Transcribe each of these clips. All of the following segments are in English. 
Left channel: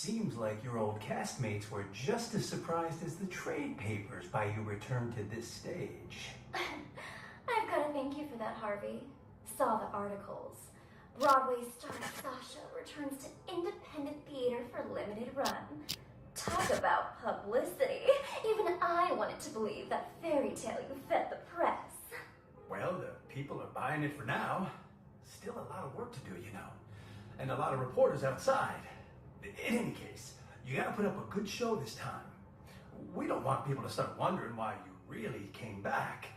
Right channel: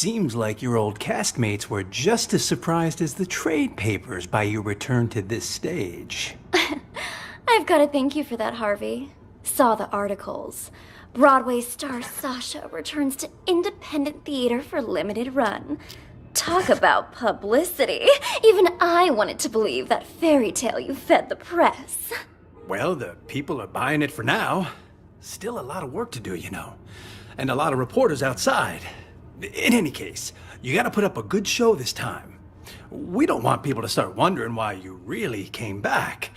Seems like your old castmates were just as surprised as the trade papers by your return to this stage. I've got to thank you for that, Harvey. Saw the articles. Broadway star Sasha returns to independent theater for limited run. Talk about publicity. Even I wanted to believe that fairy tale you fed the press. Well, the people are buying it for now. Still a lot of work to do, you know. And a lot of reporters outside. In any case, you gotta put up a good show this time. We don't want people to start wondering why you really came back.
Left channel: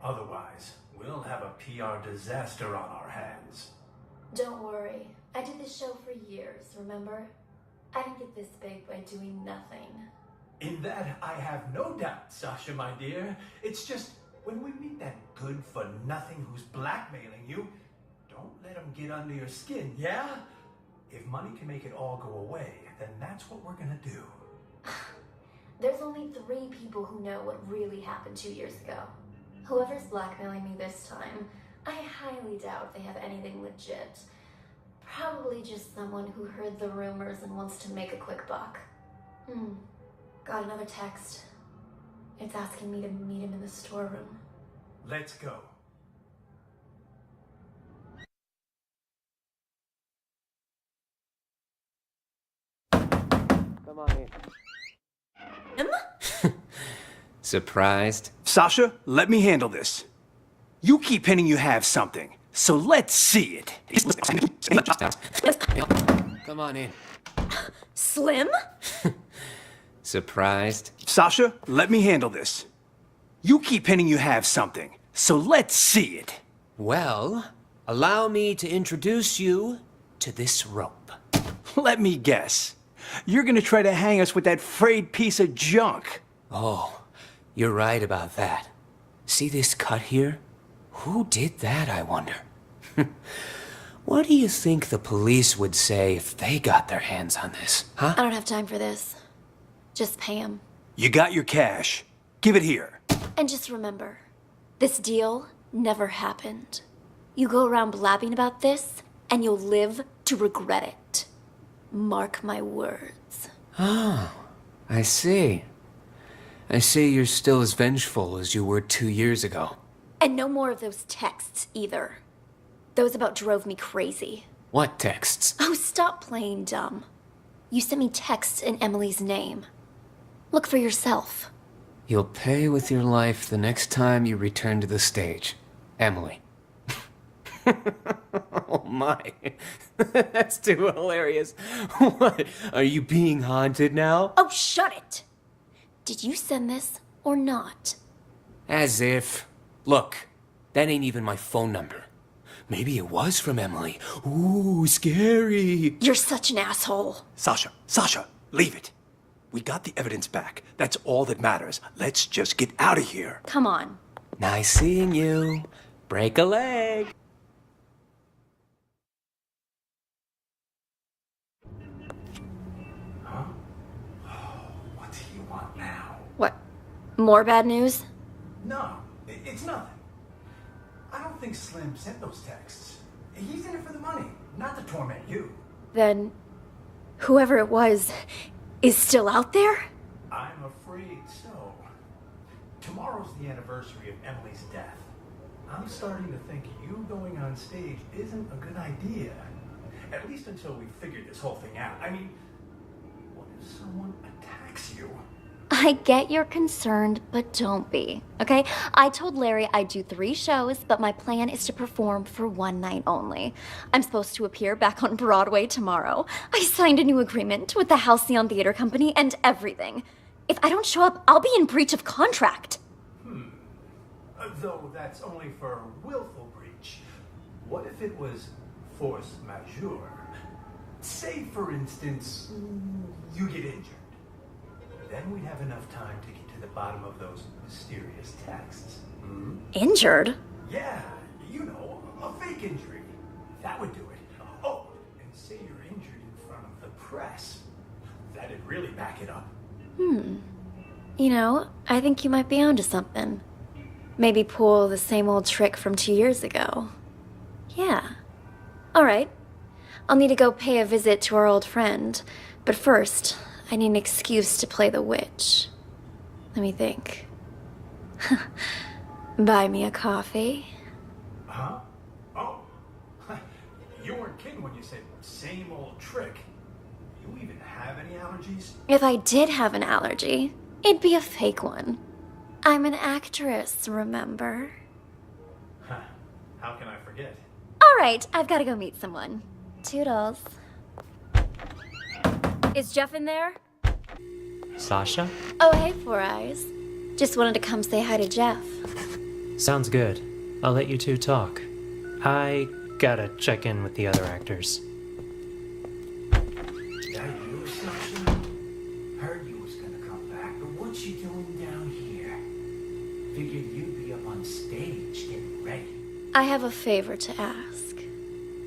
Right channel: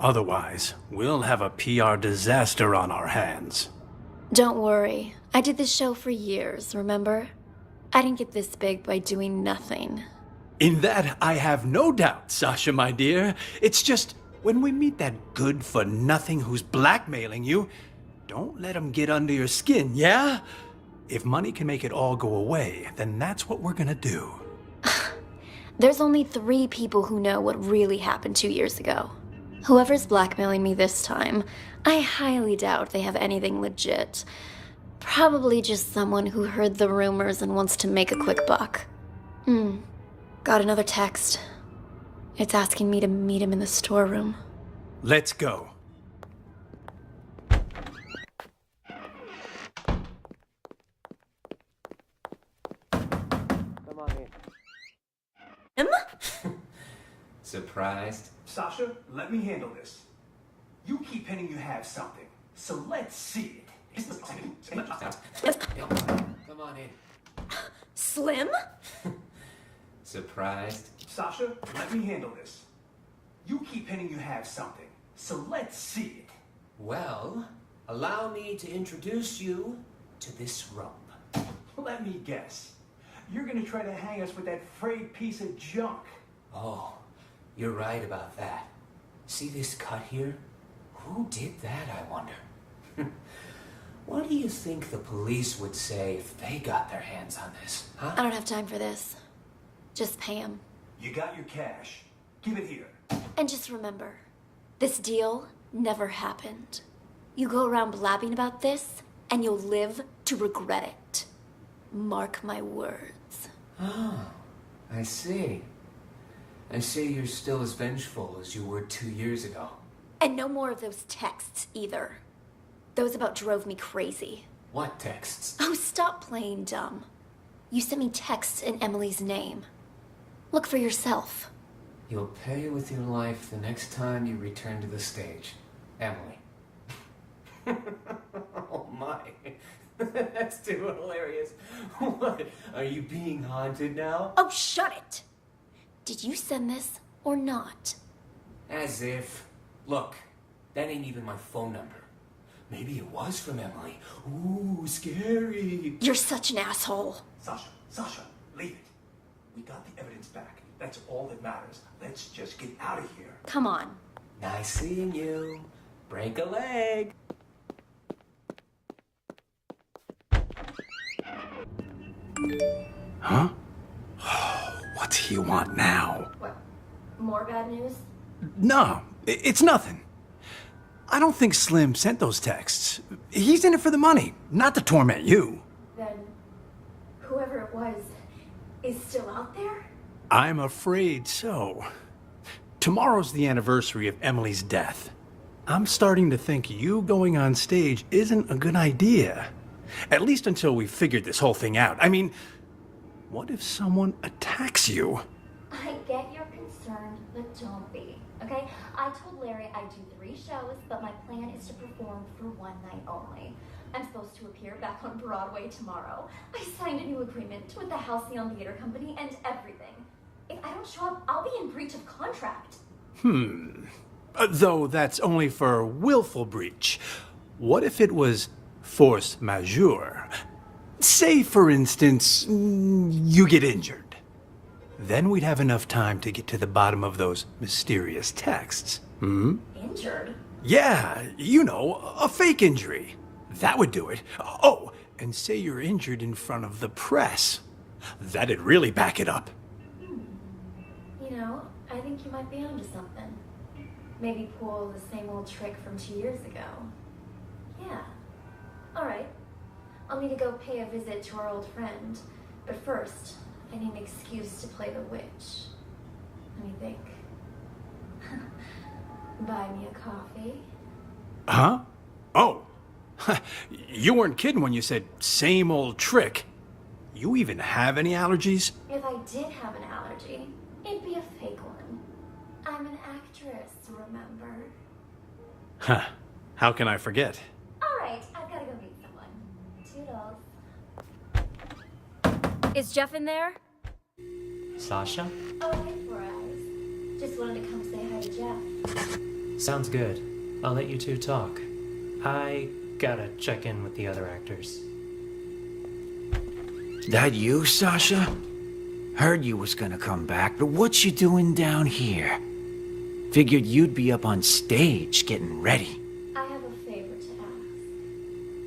Otherwise, we'll have a PR disaster on our hands. Don't worry. I did this show for years, remember? I didn't get this big by doing nothing. In that, I have no doubt, Sasha, my dear. It's just, when we meet that good-for-nothing who's blackmailing you, don't let him get under your skin, yeah? If money can make it all go away, then that's what we're gonna do. There's only 3 people who know what really happened 2 years ago. Whoever's blackmailing me this time, I highly doubt they have anything legit. Probably just someone who heard the rumors and wants to make a quick buck. Got another text. It's asking me to meet him in the storeroom. Let's go. Come on in. Him? Surprised? Sasha, let me handle this. You keep hinting you have something, so let's see it. Come on in. Slim? Surprised? Sasha, let me handle this. You keep hinting you have something, so let's see it. Well, allow me to introduce you to this rope. Let me guess. You're gonna try to hang us with that frayed piece of junk. Oh, you're right about that. See this cut here? Who did that, I wonder? What do you think the police would say if they got their hands on this, huh? I don't have time for this. Just pay him. You got your cash. Give it here. And just remember, this deal never happened. You go around blabbing about this, and you'll live to regret it. Mark my words. Oh, I see. I see you're still as vengeful as you were 2 years ago. And no more of those texts, either. Those about drove me crazy. What texts? Oh, stop playing dumb. You sent me texts in Emily's name. Look for yourself. You'll pay with your life the next time you return to the stage. Emily. Oh my. That's too hilarious. What? Are you being haunted now? Oh, shut it! Did you send this or not? As if. Look, that ain't even my phone number. Maybe it was from Emily. Ooh, scary. You're such an asshole. Sasha, leave it. We got the evidence back. That's all that matters. Let's just get out of here. Come on. Nice seeing you. Break a leg. Huh? What's he want now? What? More bad news? No, it's nothing. I don't think Slim sent those texts. He's in it for the money, not to torment you. Then, whoever it was is still out there? I'm afraid so. Tomorrow's the anniversary of Emily's death. I'm starting to think you going on stage isn't a good idea. At least until we've figured this whole thing out. I mean, what if someone attacks you? I get you're concerned, but don't be, okay? I told Larry I'd do 3 shows, but my plan is to perform for 1 night only. I'm supposed to appear back on Broadway tomorrow. I signed a new agreement with the Halcyon Theater Company and everything. If I don't show up, I'll be in breach of contract. Though that's only for willful breach. What if it was force majeure? Say, for instance, you get injured. Then we'd have enough time to get to the bottom of those mysterious texts. Injured? Yeah, you know, a fake injury. That would do it. Oh, and say you're injured in front of the press. That'd really back it up. You know, I think you might be onto something. Maybe pull the same old trick from 2 years ago. Yeah. All right. I'll need to go pay a visit to our old friend. But first, I need an excuse to play the witch. Let me think. Buy me a coffee? Huh? Oh. You weren't kidding when you said same old trick. You even have any allergies? If I did have an allergy, it'd be a fake one. I'm an actress, remember? Huh. How can I forget? All right, I've got to go meet someone. Toodles. Is Jeff in there? Sasha? Oh, hey, Four Eyes. Just wanted to come say hi to Jeff. Sounds good. I'll let you two talk. I gotta check in with the other actors. That you, Sasha? Heard you was gonna come back, but what you doing down here? Figured you'd be up on stage getting ready. I have a favor to ask.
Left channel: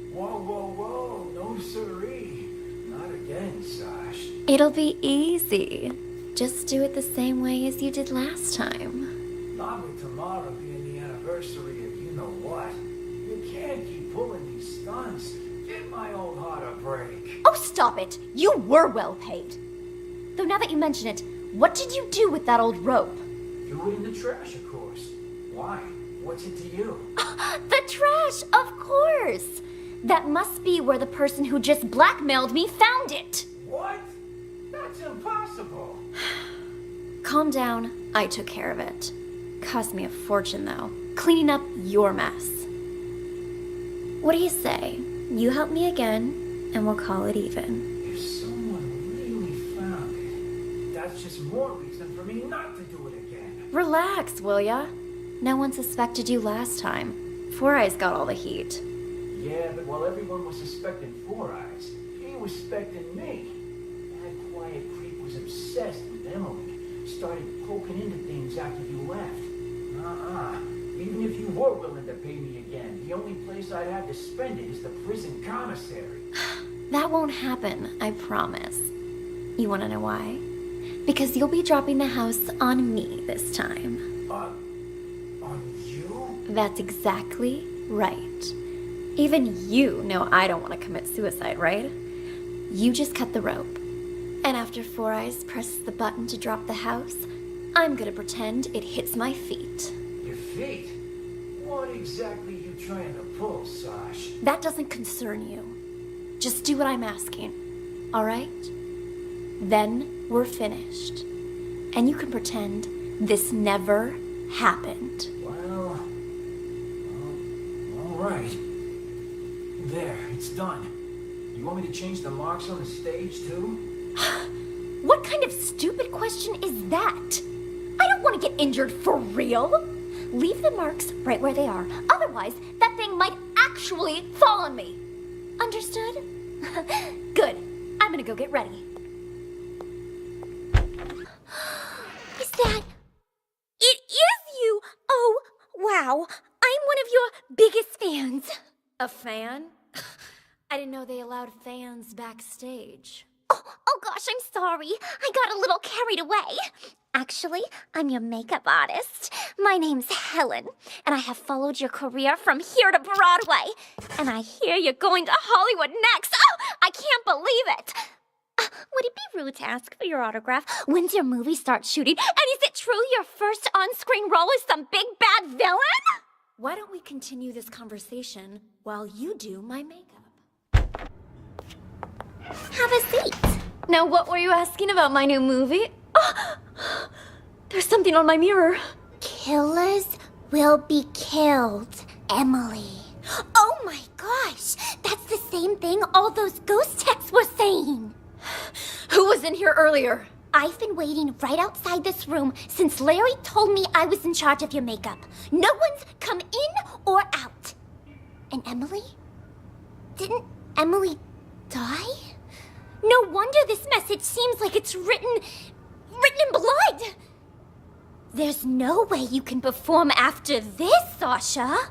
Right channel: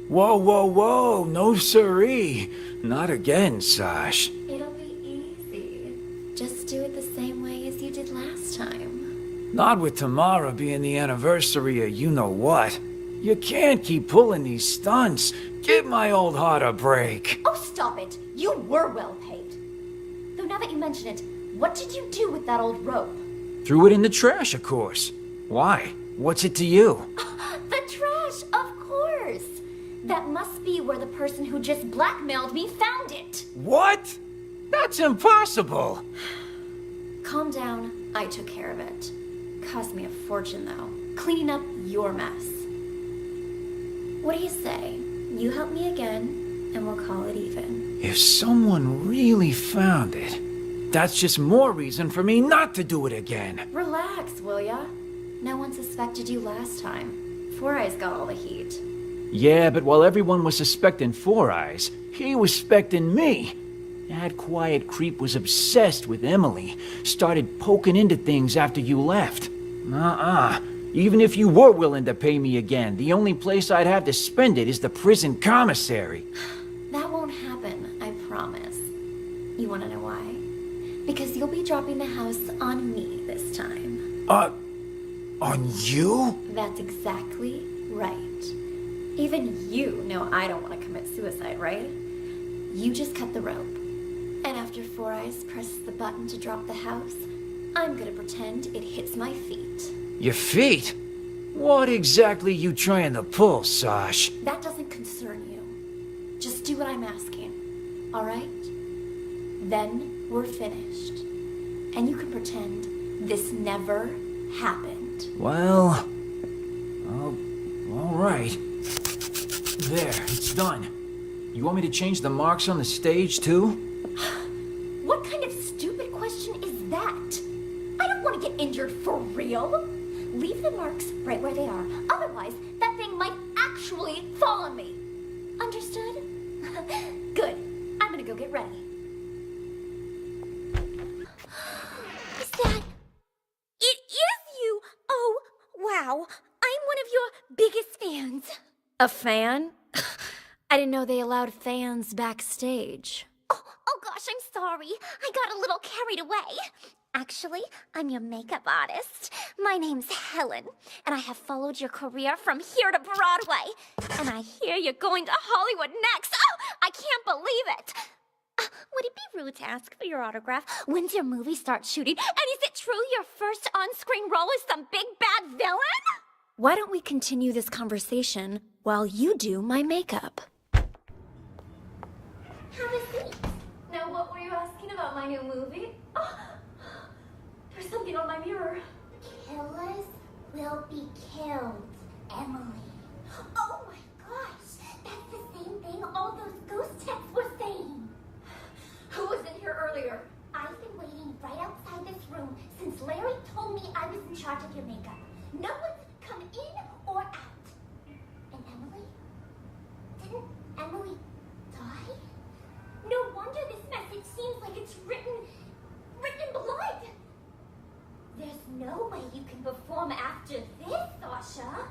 Whoa, whoa, whoa, no siree. Not again, Sash. It'll be easy. Just do it the same way as you did last time. Not with tomorrow being the anniversary of you-know-what. You can't keep pulling these stunts. Give my old heart a break. Oh, stop it! You were well paid. Though now that you mention it, what did you do with that old rope? Threw it in the trash, of course. Why? What's it to you? The trash, of course! That must be where the person who just blackmailed me found it. What? That's impossible. Calm down, I took care of it. Cost me a fortune, though. Cleaning up your mess. What do you say? You help me again, and we'll call it even. If someone really found it, that's just more reason for me not to do it again. Relax, will ya? No one suspected you last time. Four Eyes got all the heat. Yeah, but while everyone was suspecting Four Eyes, he was suspecting me. That quiet creep was obsessed with Emily. Started poking into things after you left. Even if you were willing to pay me again, the only place I'd have to spend it is the prison commissary. That won't happen, I promise. You wanna know why? Because you'll be dropping the house on me this time. On you? That's exactly right. Even you know I don't want to commit suicide, right? You just cut the rope. And after Four Eyes presses the button to drop the house, I'm gonna pretend it hits my feet. Your feet? What exactly you trying to pull, Sash? That doesn't concern you. Just do what I'm asking, all right? Then we're finished. And you can pretend this never happened. Well, all right. There, it's done. You want me to change the marks on the stage, too? What kind of stupid question is that? I don't want to get injured for real. Leave the marks right where they are. Otherwise, that thing might actually fall on me. Understood? Good. I'm gonna go get ready. Is that... It is you! Oh, wow. I'm one of your biggest fans. A fan? I didn't know they allowed fans backstage. Oh gosh, I'm sorry. I got a little carried away. Actually, I'm your makeup artist. My name's Helen, and I have followed your career from here to Broadway. And I hear you're going to Hollywood next. Oh, I can't believe it. Would it be rude to ask for your autograph? When's your movie start shooting? And is it true your first on-screen role is some big bad villain? Why don't we continue this conversation while you do my makeup? Have a seat. Now, what were you asking about my new movie? Oh, there's something on my mirror. Killers will be killed, Emily. Oh my gosh, that's the same thing all those ghost texts were saying. Who was in here earlier? I've been waiting right outside this room since Larry told me I was in charge of your makeup. No one's come in or out. And Emily? Didn't Emily die? No wonder this message seems like it's written in blood. There's no way you can perform after this, Sasha.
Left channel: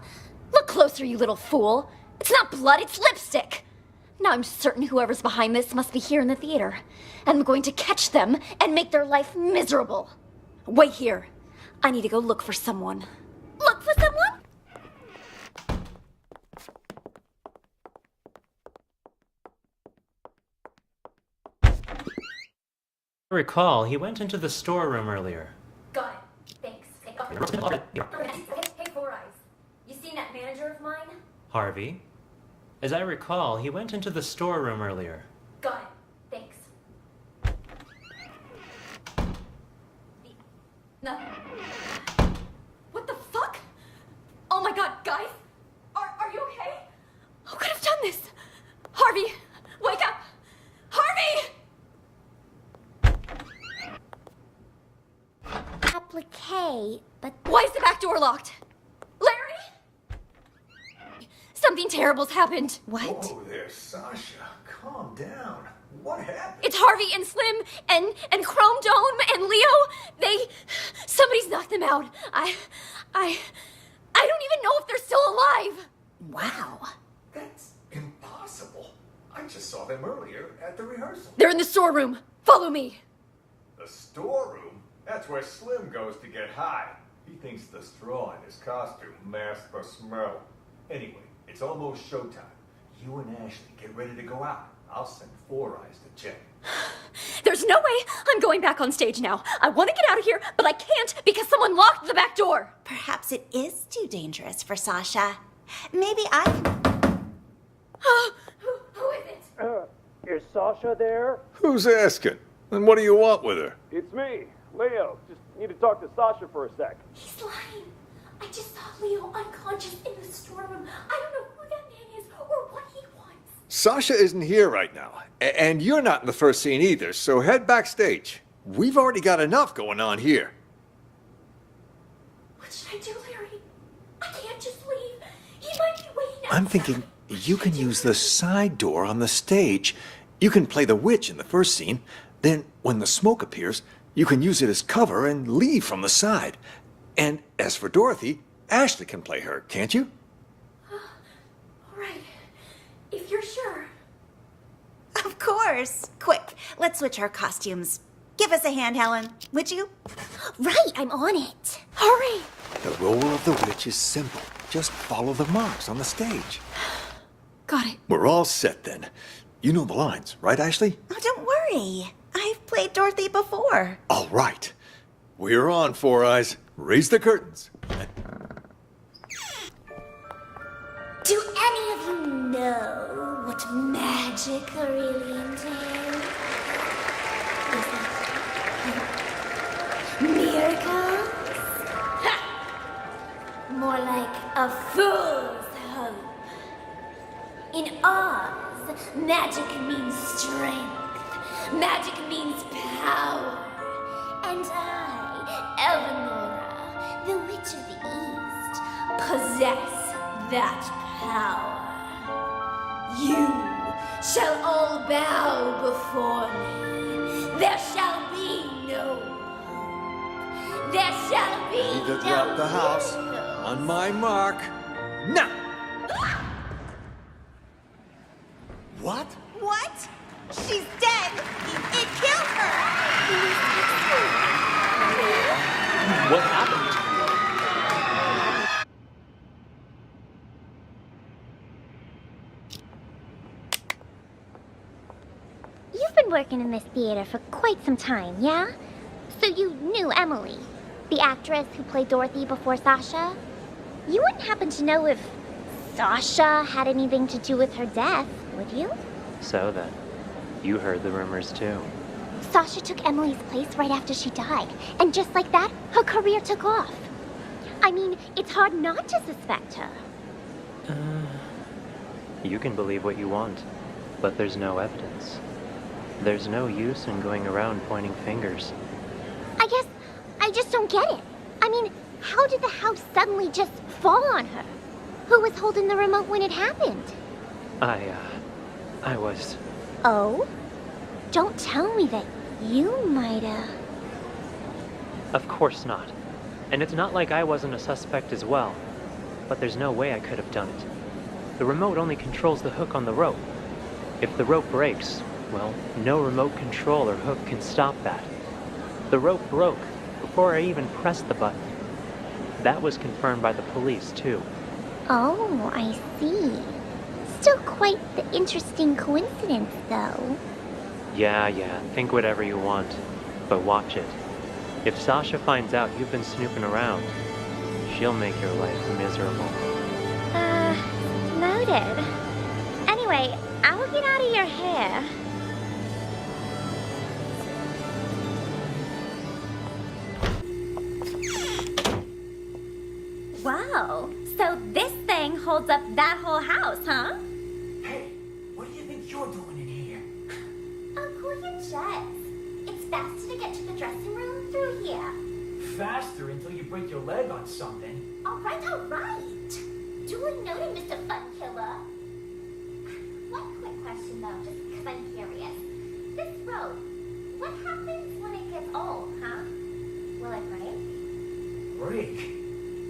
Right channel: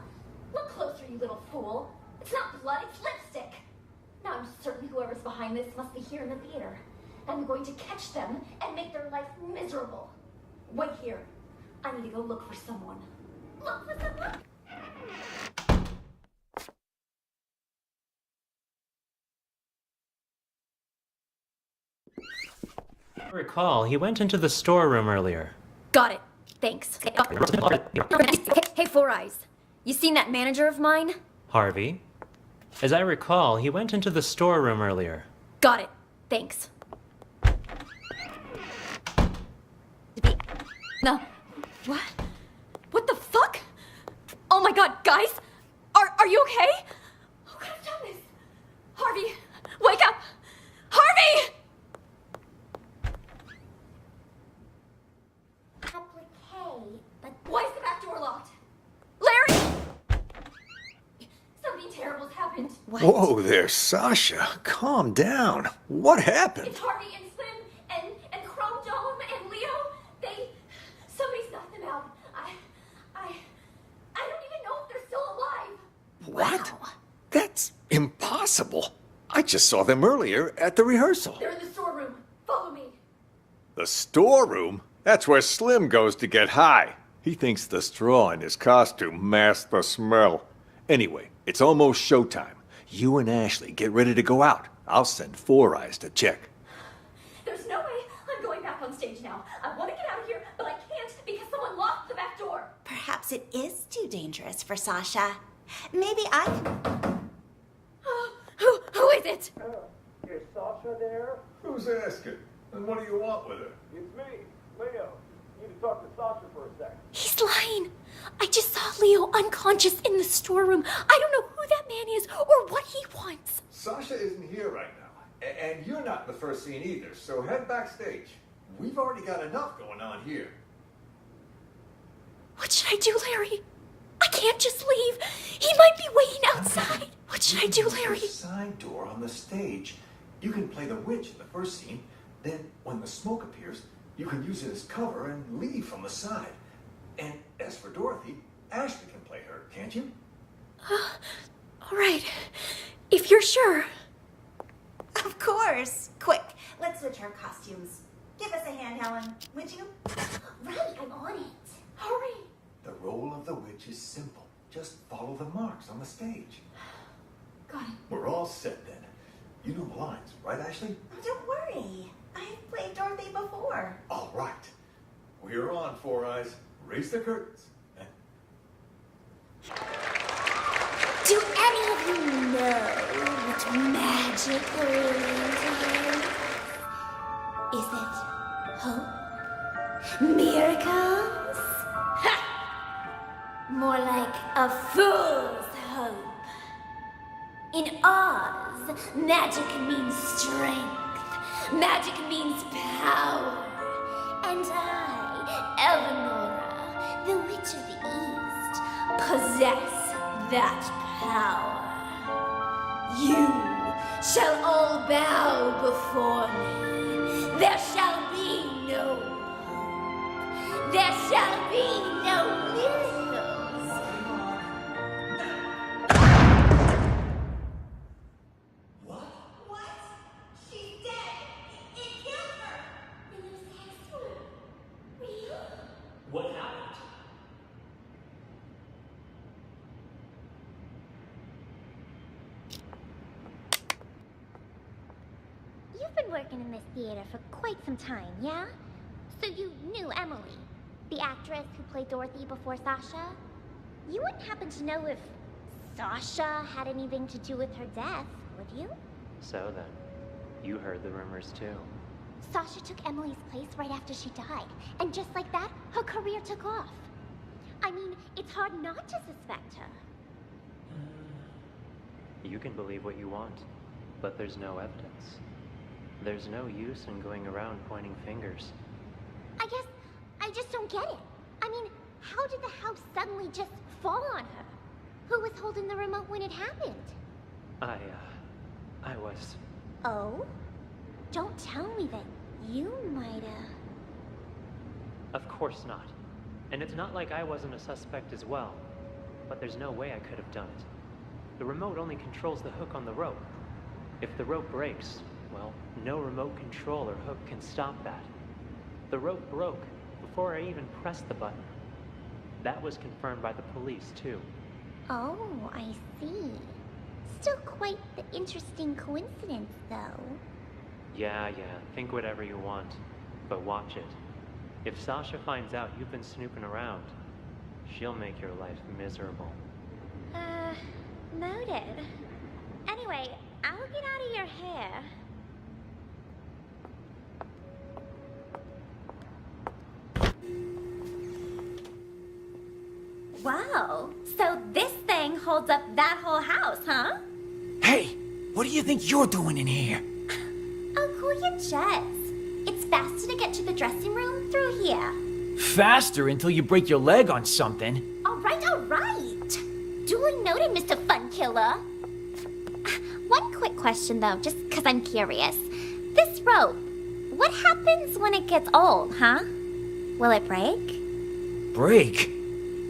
Look closer, you little fool. It's not blood, it's lipstick. Now I'm certain whoever's behind this must be here in the theater. And I'm going to catch them and make their life miserable. Wait here. I need to go look for someone. Look for someone? recall, he went into the storeroom earlier. Got it. Thanks. Hey, Four Eyes. You seen that manager of mine? Harvey? As I recall, he went into the storeroom earlier. Got it. Thanks. No. What the fuck? Oh my god, guys! Are you okay? Who could have done this? Harvey! Wake up! Harvey! Applique, but Why is the back door locked? Larry! Something terrible's happened. Whoa there, Sasha. Calm down. What happened? It's Harvey and Slim and Chrome Dome and Leo. Somebody's knocked them out. I don't even know if they're still alive. Wow. That's impossible. I just saw them earlier at the rehearsal. They're in the storeroom. Follow me. The storeroom? That's where Slim goes to get high. He thinks the straw in his costume masks the smell. Anyway, it's almost showtime. You and Ashley get ready to go out. I'll send Four Eyes to check. There's no way I'm going back on stage now. I want to get out of here, but I can't because someone locked the back door. Perhaps it is too dangerous for Sasha. Maybe I can... Who is it? Is Sasha there? Who's asking? And what do you want with her? It's me, Leo. Just need to talk to Sasha for a sec. He's lying. I just saw Leo unconscious in the storeroom. I don't know who that man is or what he wants. Sasha isn't here right now. And you're not in the first scene either, so head backstage. We've already got enough going on here. What should I do, Larry? I can't just leave. He might be waiting outside. I'm thinking what you should I can do, use Larry? the side door on the stage. You can play the witch in the first scene. Then, when the smoke appears, you can use it as cover and leave from the side. And as for Dorothy, Ashley can play her, can't you? All right. If you're sure. Of course. Quick, let's switch our costumes. Give us a hand, Helen, would you? right, I'm on it. Hurry. The role of the witch is simple. Just follow the marks on the stage. Got it. We're all set then. You know the lines, right, Ashley? Oh, don't worry. I've played Dorothy before. All right. We're on, Four Eyes. Raise the curtains. Do any of you know what magic really entails? Is it hope? Miracles? Ha! More like a fool's hope. In Oz, magic means strength. Magic means power. And I, Eleanora, the Witch of the East, possess that power. You shall all bow before me. There shall be no hope. There shall be no miracles. On my mark. Now! What? What? She's dead. It killed her. What happened? You've been working in this theater for quite some time, yeah? So you knew Emily, the actress who played Dorothy before Sasha? You wouldn't happen to know if Sasha had anything to do with her death, would you? So then, you heard the rumors too. Sasha took Emily's place right after she died, and just like that, her career took off. I mean, it's hard not to suspect her. You can believe what you want, but there's no evidence. There's no use in going around pointing fingers. I guess I just don't get it. I mean, how did the house suddenly just fall on her? Who was holding the remote when it happened? I was... Oh? Don't tell me that you might've... Of course not. And it's not like I wasn't a suspect as well. But there's no way I could have done it. The remote only controls the hook on the rope. If the rope breaks, well, no remote control or hook can stop that. The rope broke before I even pressed the button. That was confirmed by the police, too. Oh, I see. Still quite the interesting coincidence, though. Yeah, think whatever you want. But watch it. If Sasha finds out you've been snooping around, she'll make your life miserable. Noted. Anyway, I'll get out of your hair. Wow, so this thing holds up that whole house, huh? Hey, what do you think you're doing in here? Oh, cool your jets. It's faster to get to the dressing room through here. Faster until you break your leg on something. All right, all right. Duly noted, Mr. Fun Killer. One quick question, though, just because I'm curious. This rope, what happens when it gets old, huh? Will it break? Break?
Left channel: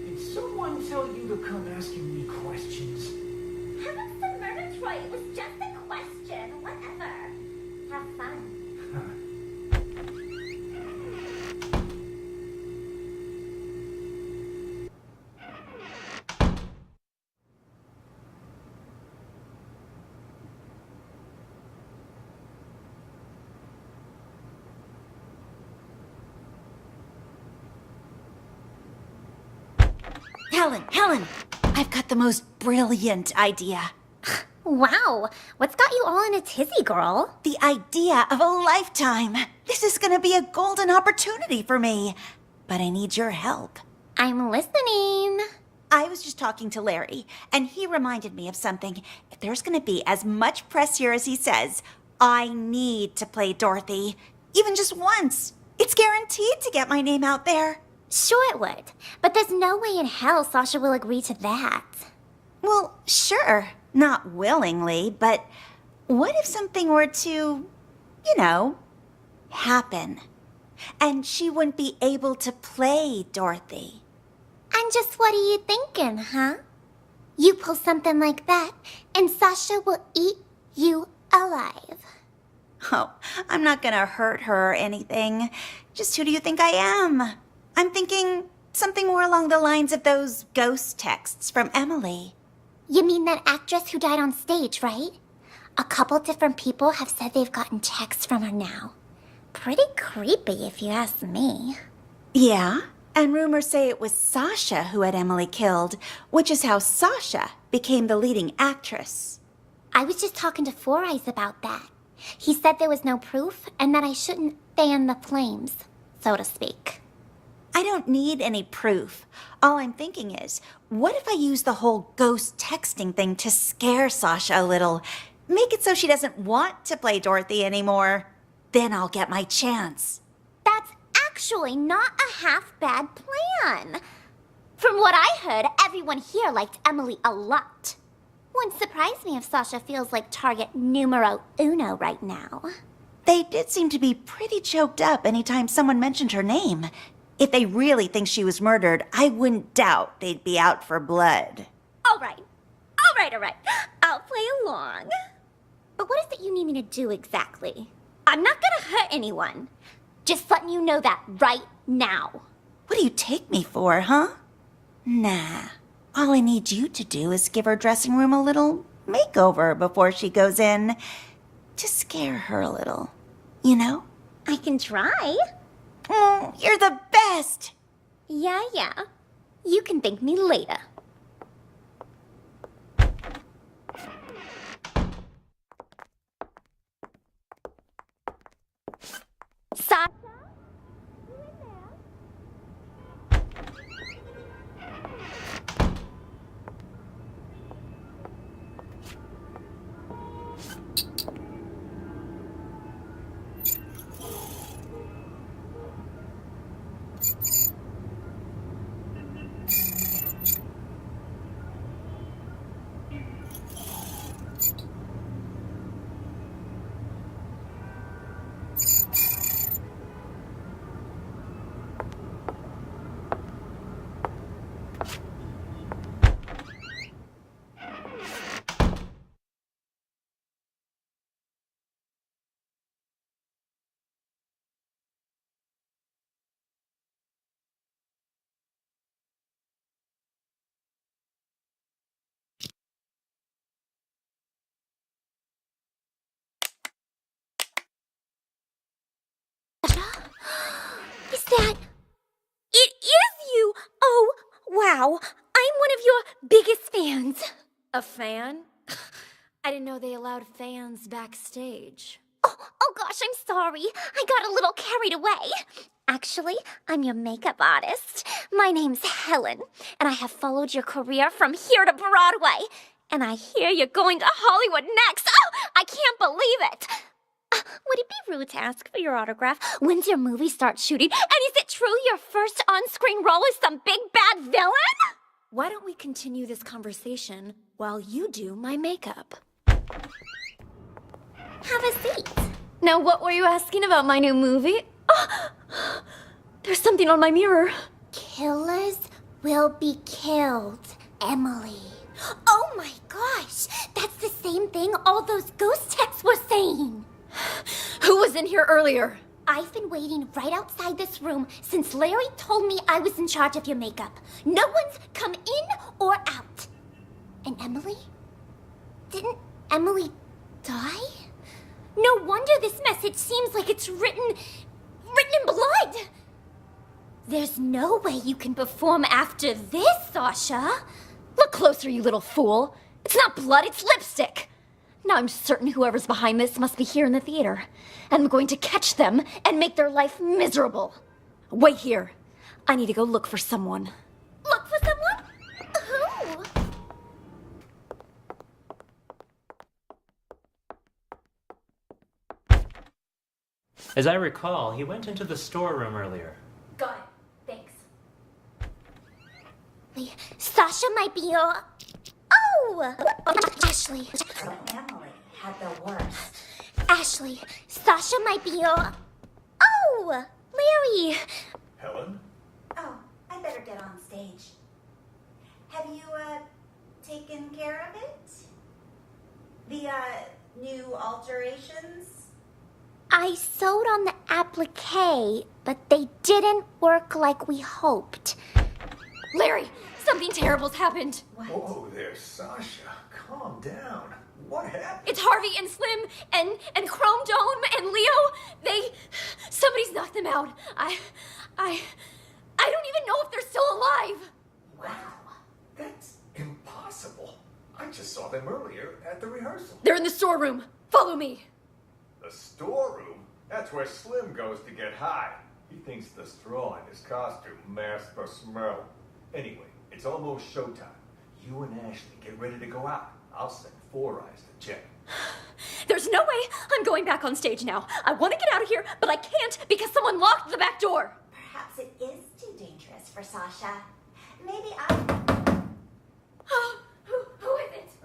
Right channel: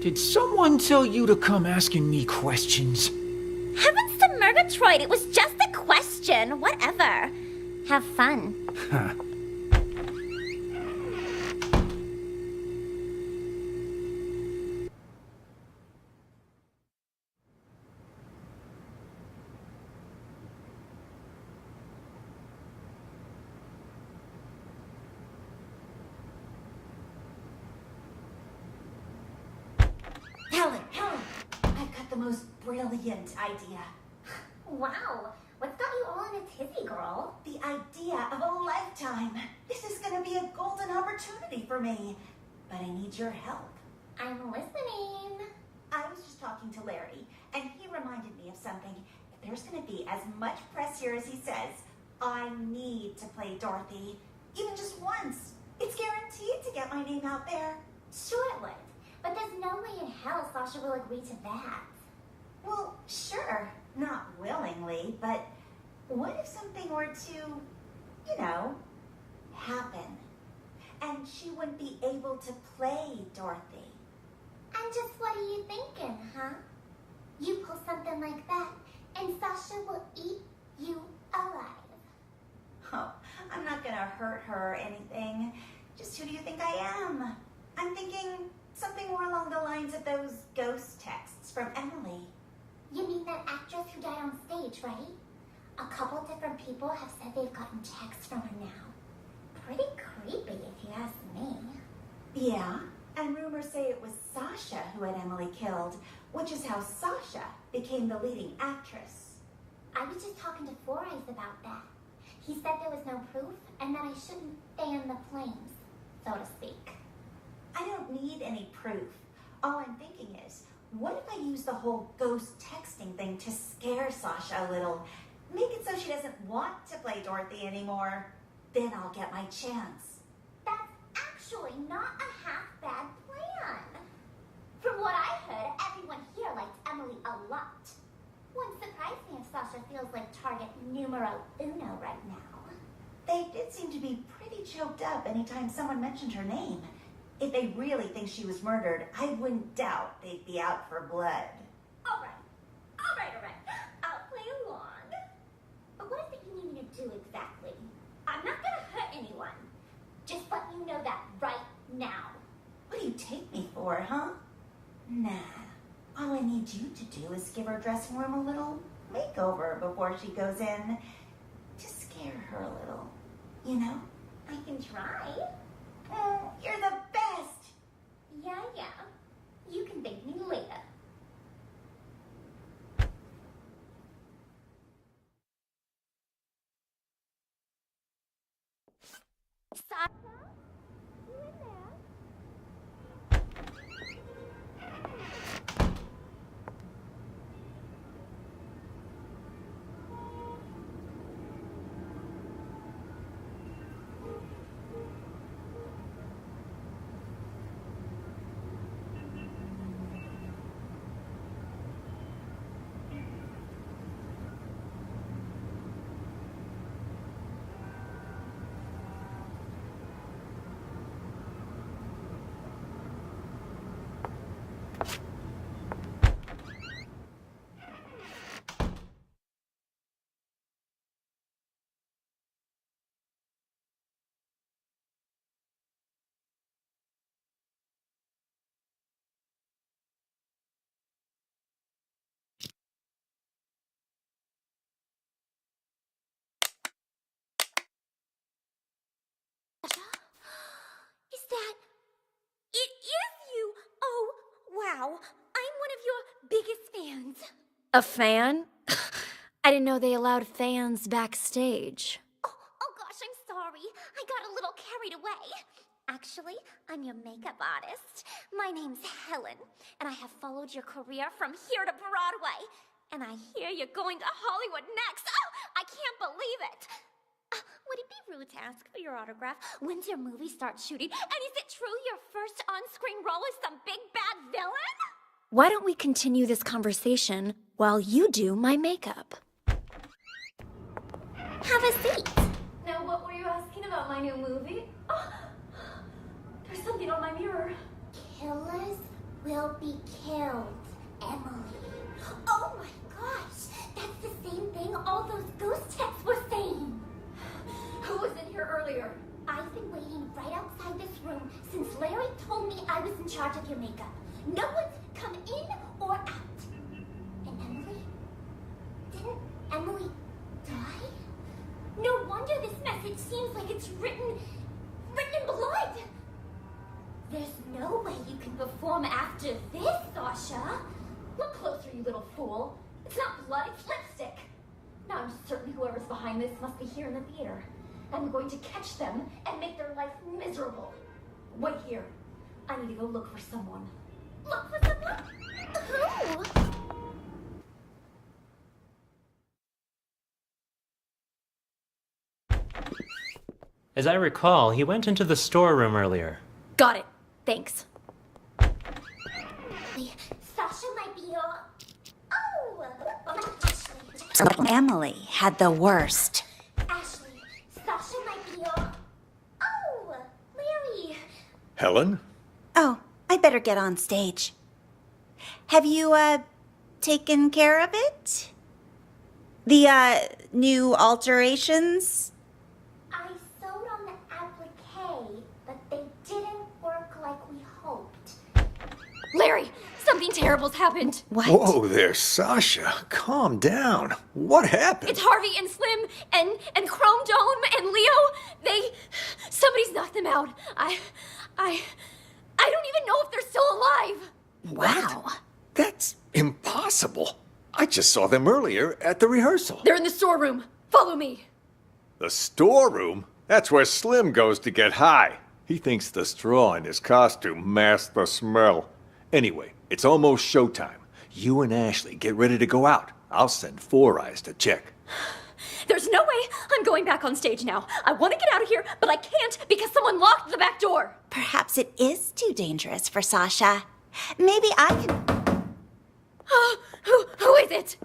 Did someone tell you to come asking me questions? Heavens to Murgatroyd, it was just a question. Whatever. Have fun. Helen, I've got the most brilliant idea. Wow, what's got you all in a tizzy, girl? The idea of a lifetime. This is gonna be a golden opportunity for me. But I need your help. I'm listening. I was just talking to Larry, and he reminded me of something. If there's gonna be as much press here as he says, I need to play Dorothy. Even just once. It's guaranteed to get my name out there. Sure it would, but there's no way in hell Sasha will agree to that. Well, sure. Not willingly, but what if something were to, happen? And she wouldn't be able to play Dorothy. And just what are you thinking, huh? You pull something like that, and Sasha will eat you alive. Oh, I'm not gonna hurt her or anything. Just who do you think I am? I'm thinking something more along the lines of those ghost texts from Emily. You mean that actress who died on stage, right? A couple different people have said they've gotten texts from her now. Pretty creepy, if you ask me. Yeah, and rumors say it was Sasha who had Emily killed, which is how Sasha became the leading actress. I was just talking to Four Eyes about that. He said there was no proof and that I shouldn't fan the flames, so to speak. I don't need any proof. All I'm thinking is, what if I use the whole ghost texting thing to scare Sasha a little? Make it so she doesn't want to play Dorothy anymore. Then I'll get my chance. That's actually not a half-bad plan. From what I heard, everyone here liked Emily a lot. Wouldn't surprise me if Sasha feels like target numero uno right now. They did seem to be pretty choked up anytime someone mentioned her name. If they really think she was murdered, I wouldn't doubt they'd be out for blood. All right. I'll play along. But what is it you need me to do exactly? I'm not gonna hurt anyone. Just letting you know that right now. What do you take me for, huh? Nah. All I need you to do is give her dressing room a little makeover before she goes in. To scare her a little, you know? I can try. Oh, you're the best! Yeah. You can thank me later. Sasha? You in there? Wow, I'm one of your biggest fans. A fan? I didn't know they allowed fans backstage. Oh gosh, I'm sorry. I got a little carried away. Actually, I'm your makeup artist. My name's Helen, and I have followed your career from here to Broadway. And I hear you're going to Hollywood next. Oh, I can't believe it. Would it be rude to ask for your autograph? When's your movie start shooting? And is it true your first on-screen role is some big bad villain? Why don't we continue this conversation while you do my makeup? Have a seat. Now, what were you asking about my new movie? Oh, there's something on my mirror. Killers will be killed, Emily. Oh my gosh, that's the same thing all those ghost texts were saying. Who was in here earlier? I've been waiting right outside this room since Larry told me I was in charge of your makeup. No one's come in or out. And Emily? Didn't Emily die? No wonder this message seems like it's written in blood. There's no way you can perform after this, Sasha. Look closer, you little fool. It's not blood, it's lipstick. Now I'm certain whoever's behind this must be here in the theater. And I'm going to catch them and make their life miserable. Wait here. I need to go look for someone. Look for someone? Who? As I recall, he went into the storeroom earlier. Got it. Thanks. Sasha might be your... Oh! Ashley. Emily had the worst. Ashley, Sasha might be your... Oh! Larry. Helen? Oh, I better get on stage. Have you, taken care of it? The, new alterations? I sewed on the applique, but they didn't work like we hoped. Larry, something terrible's happened. What? Whoa there, Sasha. Calm down. What happened? It's Harvey and Slim and Chrome Dome and Leo. Somebody's knocked them out. I don't even know if they're still alive. Wow. That's impossible. I just saw them earlier at the rehearsal. They're in the storeroom. Follow me. The storeroom? That's where Slim goes to get high. He thinks the straw in his costume masks the smell. Anyway, it's almost showtime. You and Ashley get ready to go out. I'll send Four Eyes to check. There's no way I'm going back on stage now. I want to get out of here, but I can't because someone locked the back door. Perhaps it is too dangerous for Sasha. Maybe I can... Who is it?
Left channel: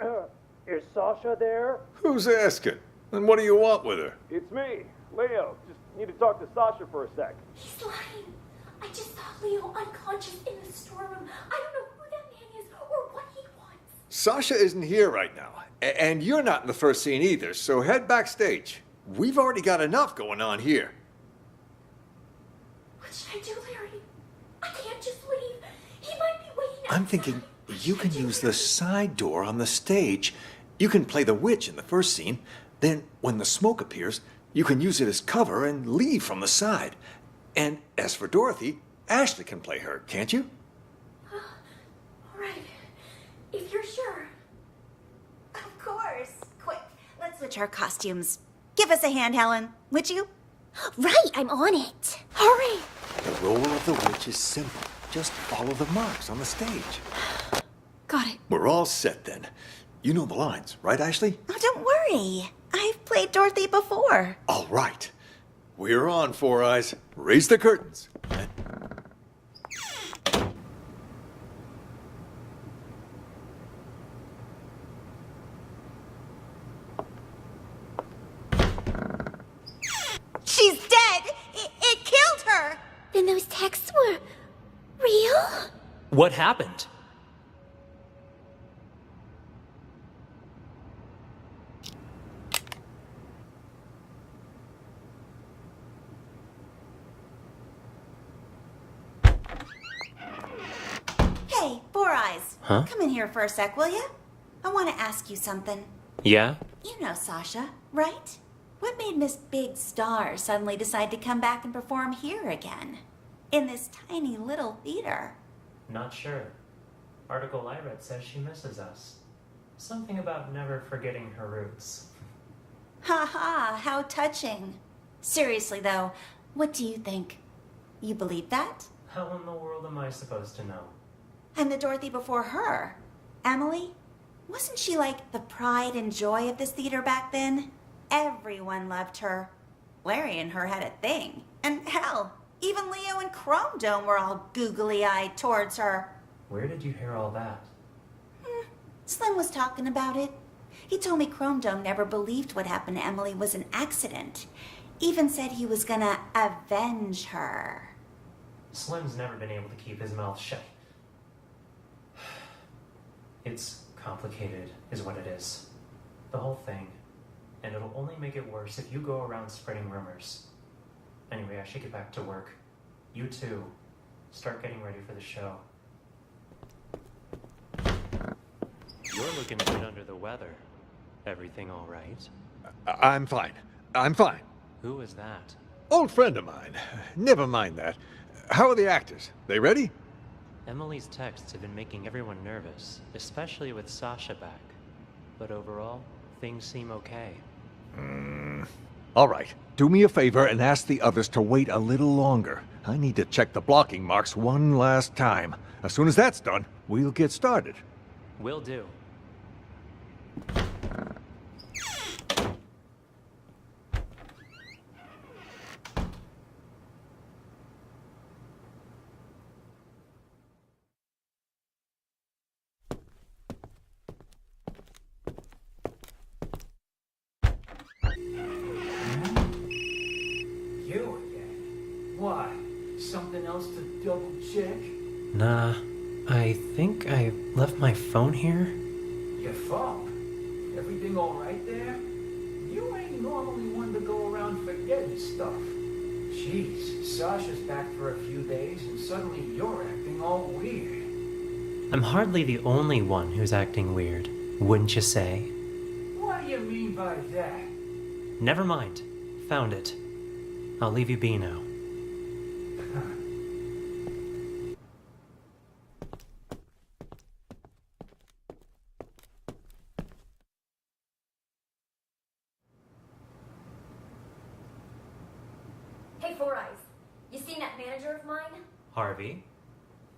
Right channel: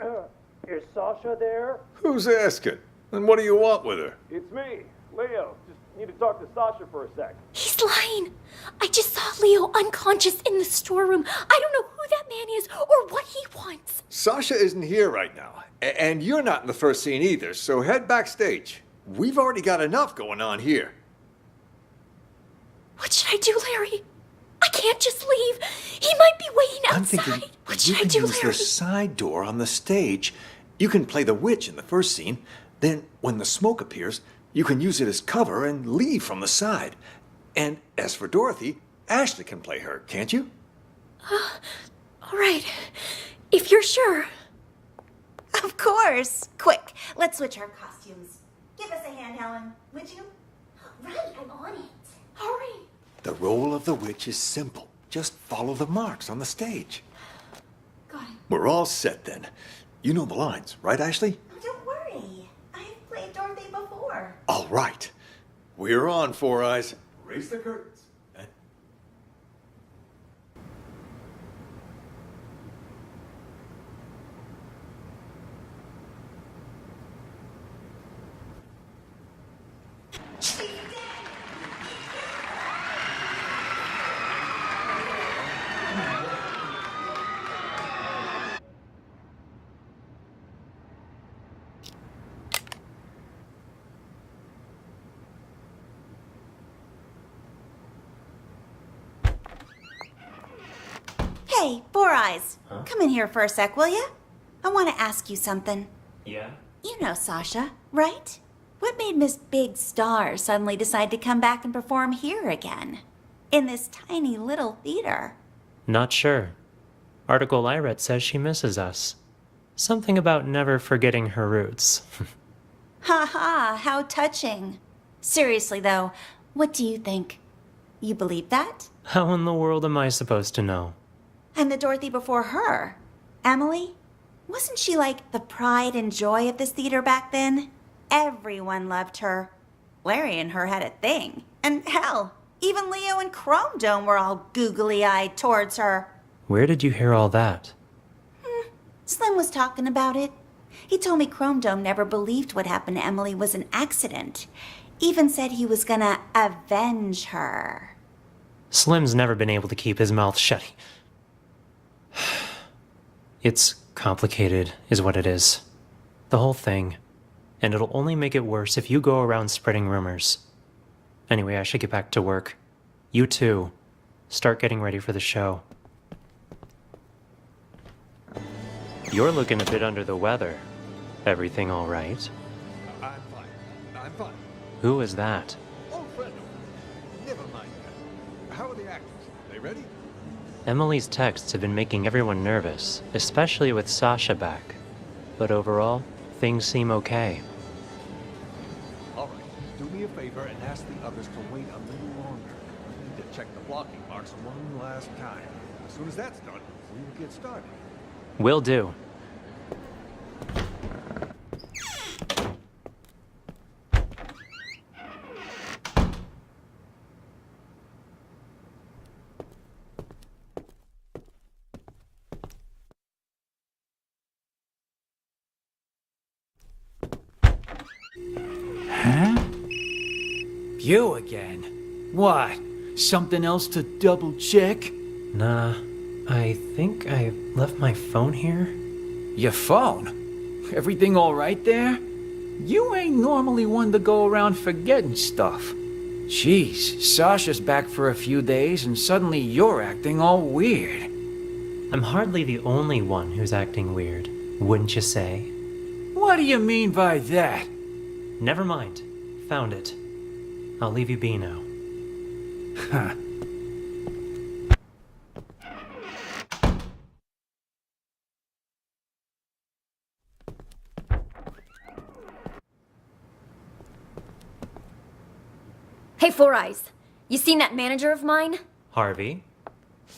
Is Sasha there? Who's asking? And what do you want with her? It's me, Leo. Just need to talk to Sasha for a sec. He's lying. I just saw Leo unconscious in the storeroom. I don't know who that man is or what he wants. Sasha isn't here right now. And you're not in the first scene either, so head backstage. We've already got enough going on here. What should I do, Larry? I can't just leave. He might be waiting outside. I'm thinking What you should I can do, use the Larry? side door on the stage. You can play the witch in the first scene. Then, when the smoke appears, you can use it as cover and leave from the side. And as for Dorothy, Ashley can play her, can't you? All right. If you're sure. Of course. Quick, let's switch our costumes. Give us a hand, Helen, would you? Right, I'm on it. Hurry. The role of the witch is simple. Just follow the marks on the stage. Got it. We're all set then. You know the lines, right, Ashley? Oh, don't worry. I've played Dorothy before. All right. We're on, Four Eyes. Raise the curtains. She's dead! It killed her! Then those texts were real? What happened? Hey, Four Eyes. Huh? Come in here for a sec, will ya? I want to ask you something. Yeah? You know Sasha, right? What made Miss Big Star suddenly decide to come back and perform here again? In this tiny little theater? Not sure. Article I read says she misses us. Something about never forgetting her roots. Ha ha, how touching. Seriously though, what do you think? You believe that? How in the world am I supposed to know? And the Dorothy before her, Emily? Wasn't she like the pride and joy of this theater back then? Everyone loved her. Larry and her had a thing. And hell, even Leo and Chrome Dome were all googly-eyed towards her. Where did you hear all that? Slim was talking about it. He told me Chrome Dome never believed what happened to Emily was an accident. Even said he was gonna avenge her. Slim's never been able to keep his mouth shut. It's complicated, is what it is. The whole thing. And it'll only make it worse if you go around spreading rumors. Anyway, I should get back to work. You too. Start getting ready for the show. You're looking a bit under the weather. Everything all right? I'm fine. I'm fine. Who is that? Old friend of mine. Never mind that. How are the actors? They ready? Emily's texts have been making everyone nervous, especially with Sasha back. But overall, things seem okay. All right. Do me a favor and ask the others to wait a little longer. I need to check the blocking marks one last time. As soon as that's done, we'll get started. Will do. You again? What? Something else to double check? Nah, I think I left my phone here. Your phone? Everything all right there? You ain't normally one to go around forgetting stuff. Jeez, Sasha's back for a few days and suddenly you're acting all weird. I'm hardly the only one who's acting weird, wouldn't you say? What do you mean by that? Never mind. Found it. I'll leave you be now. Huh. Hey, Four Eyes. You seen that manager of mine? Harvey?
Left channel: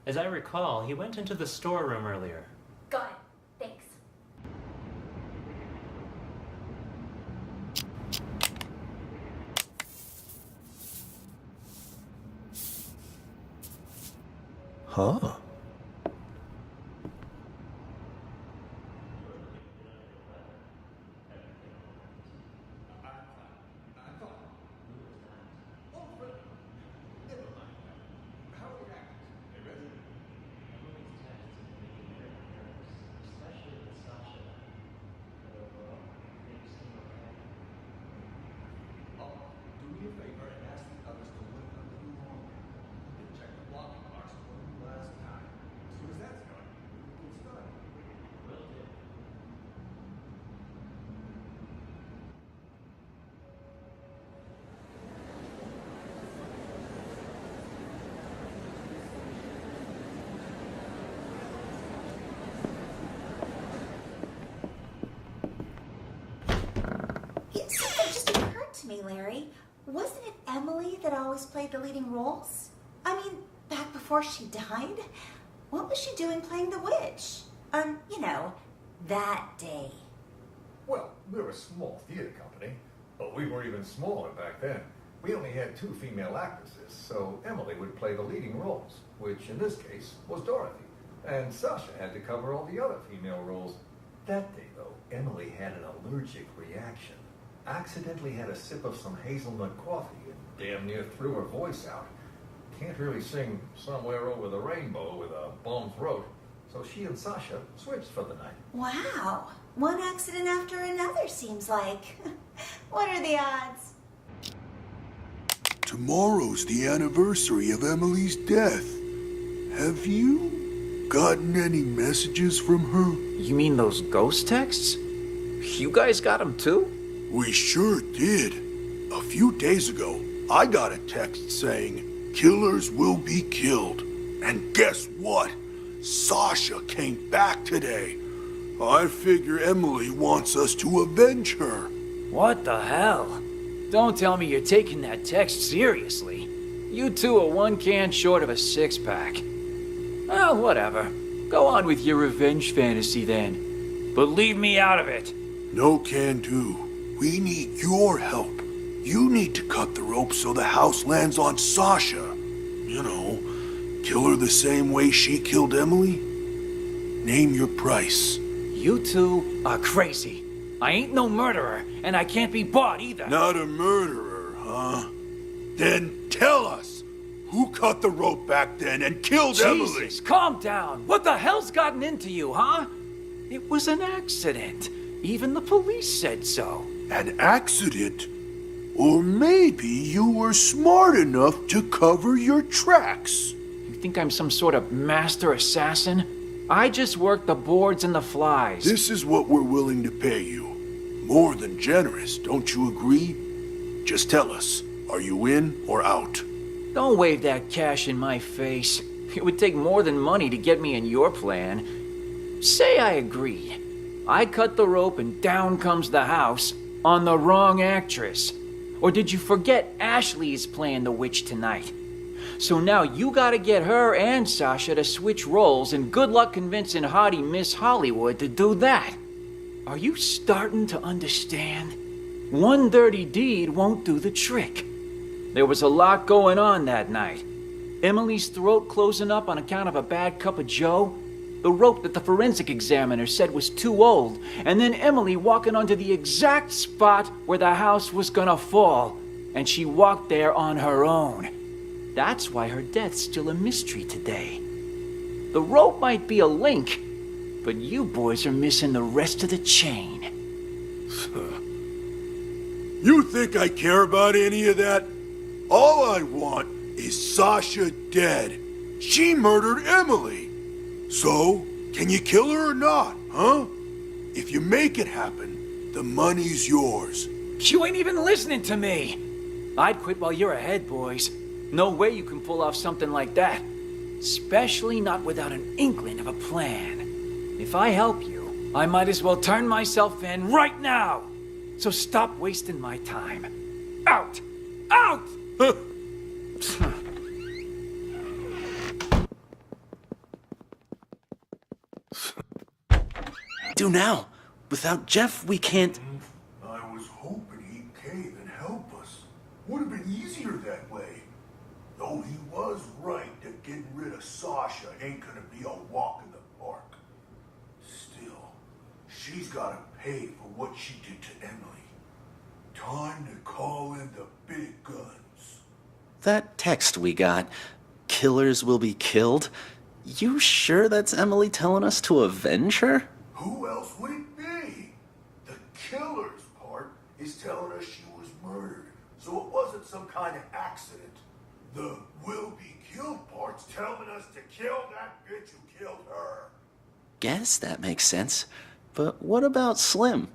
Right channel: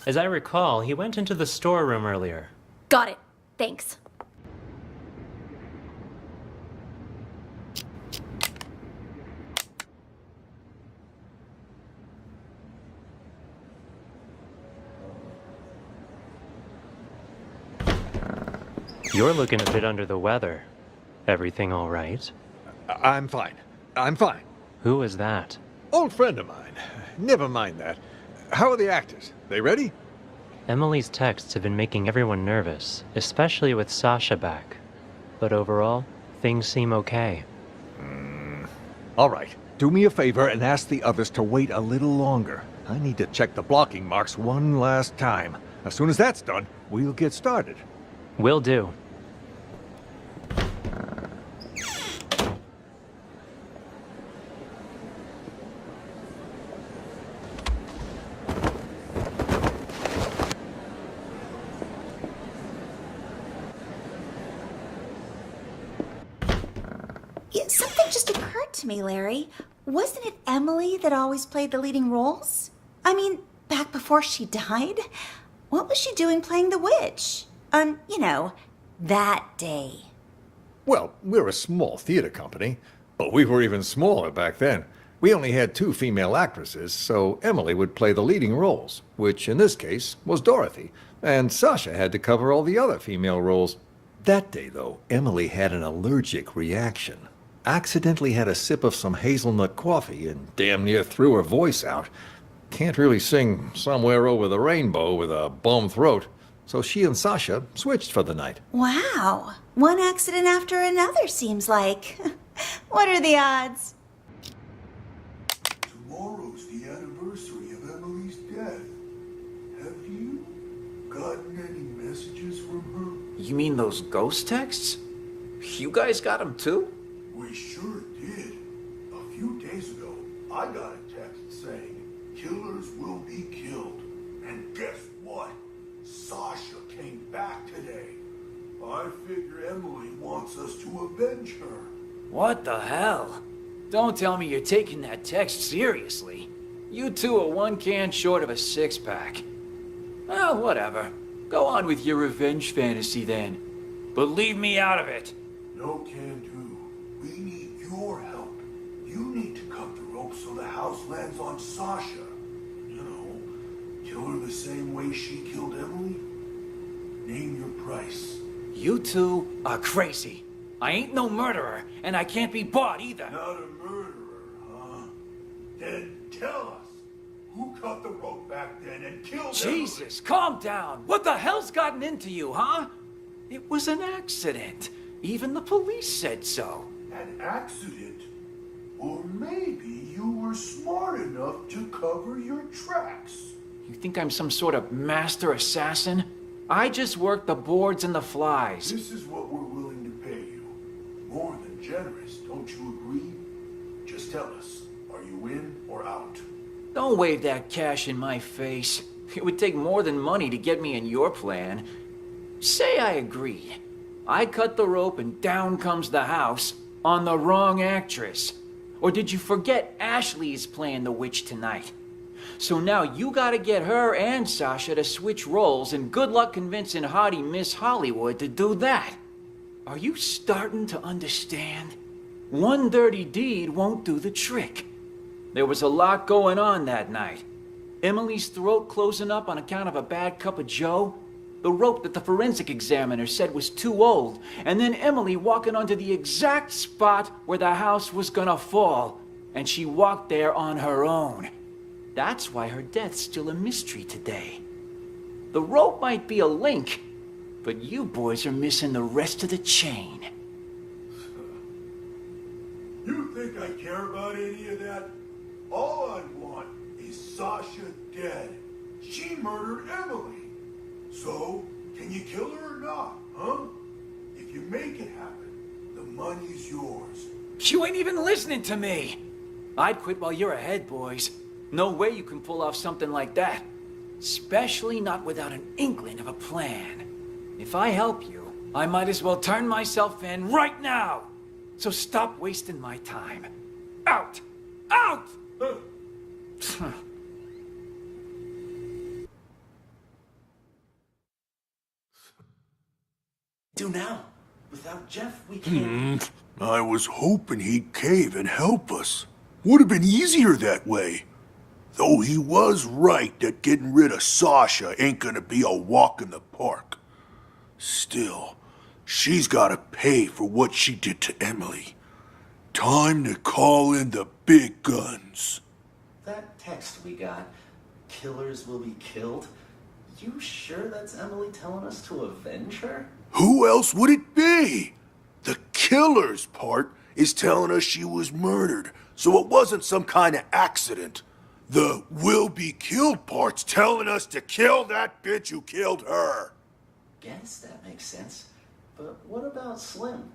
As I recall, he went into the storeroom earlier. Got it. Thanks. Huh? You're looking a bit under the weather. Everything all right? I'm fine. I'm fine. Who is that? Old friend of mine. Never mind that. How are the actors? They ready? Emily's texts have been making everyone nervous, especially with Sasha back. But overall, things seem okay. All right. Do me a favor and ask the others to wait a little longer. I need to check the blocking marks one last time. As soon as that's done, we'll get started. Will do. Yeah, something just occurred to me, Larry. Wasn't it Emily that always played the leading roles? I mean, back before she died? What was she doing playing the witch? You know, that day. Well, we're a small theater company, but we were even smaller back then. We only had 2 female actresses, so Emily would play the leading roles, which in this case was Dorothy, and Sasha had to cover all the other female roles. That day, though, Emily had an allergic reaction. Accidentally had a sip of some hazelnut coffee and damn near threw her voice out. Can't really sing Somewhere Over the Rainbow with a bum throat, so she and Sasha switched for the night. Wow. One accident after another, seems like. What are the odds? Tomorrow's the anniversary of Emily's death. Have you gotten any messages from her? You mean those ghost texts? You guys got them too? We sure did. A few days ago, I got a text saying, "Killers will be killed." And guess what? Sasha came back today. I figure Emily wants us to avenge her. What the hell? Don't tell me you're taking that text seriously. You two are one can short of a six-pack. Well, whatever. Go on with your revenge fantasy then. But leave me out of it. No can do. We need your help. You need to cut the rope so the house lands on Sasha. You know, kill her the same way she killed Emily. Name your price. You two are crazy. I ain't no murderer, and I can't be bought either. Not a murderer, huh? Then tell us. Who cut the rope back then and killed Emily? Jesus, calm down. What the hell's gotten into you, huh? It was an accident. Even the police said so. An accident? Or maybe you were smart enough to cover your tracks. You think I'm some sort of master assassin? I just work the boards and the flies. This is what we're willing to pay you. More than generous, don't you agree? Just tell us, are you in or out? Don't wave that cash in my face. It would take more than money to get me in your plan. Say I agree. I cut the rope and down comes the house on the wrong actress. Or did you forget Ashley is playing the witch tonight? So now you gotta get her and Sasha to switch roles, and good luck convincing hottie Miss Hollywood to do that. Are you starting to understand? One dirty deed won't do the trick. There was a lot going on that night. Emily's throat closing up on account of a bad cup of joe, the rope that the forensic examiner said was too old, and then Emily walking onto the exact spot where the house was gonna fall, and she walked there on her own. That's why her death's still a mystery today. The rope might be a link, but you boys are missing the rest of the chain. You think I care about any of that? All I want is Sasha dead. She murdered Emily. So, can you kill her or not, huh? If you make it happen, the money's yours. You ain't even listening to me. I'd quit while you're ahead, boys. No way you can pull off something like that. Especially not without an inkling of a plan. If I help you, I might as well turn myself in right now. So stop wasting my time. Out! Out! Do now. Without Jeff, we can't... I was hoping he'd cave and help us. Would have been easier that way. Though he was right that getting rid of Sasha ain't gonna be a walk in the park. Still, she's gotta pay for what she did to Emily. Time to call in the big guns. That text we got, killers will be killed. You sure that's Emily telling us to avenge her? Who else would it be? The killer's part is telling us she was murdered, so it wasn't some kind of accident. The will be killed part's telling us to kill that bitch who killed her. Guess that makes sense. But what about Slim?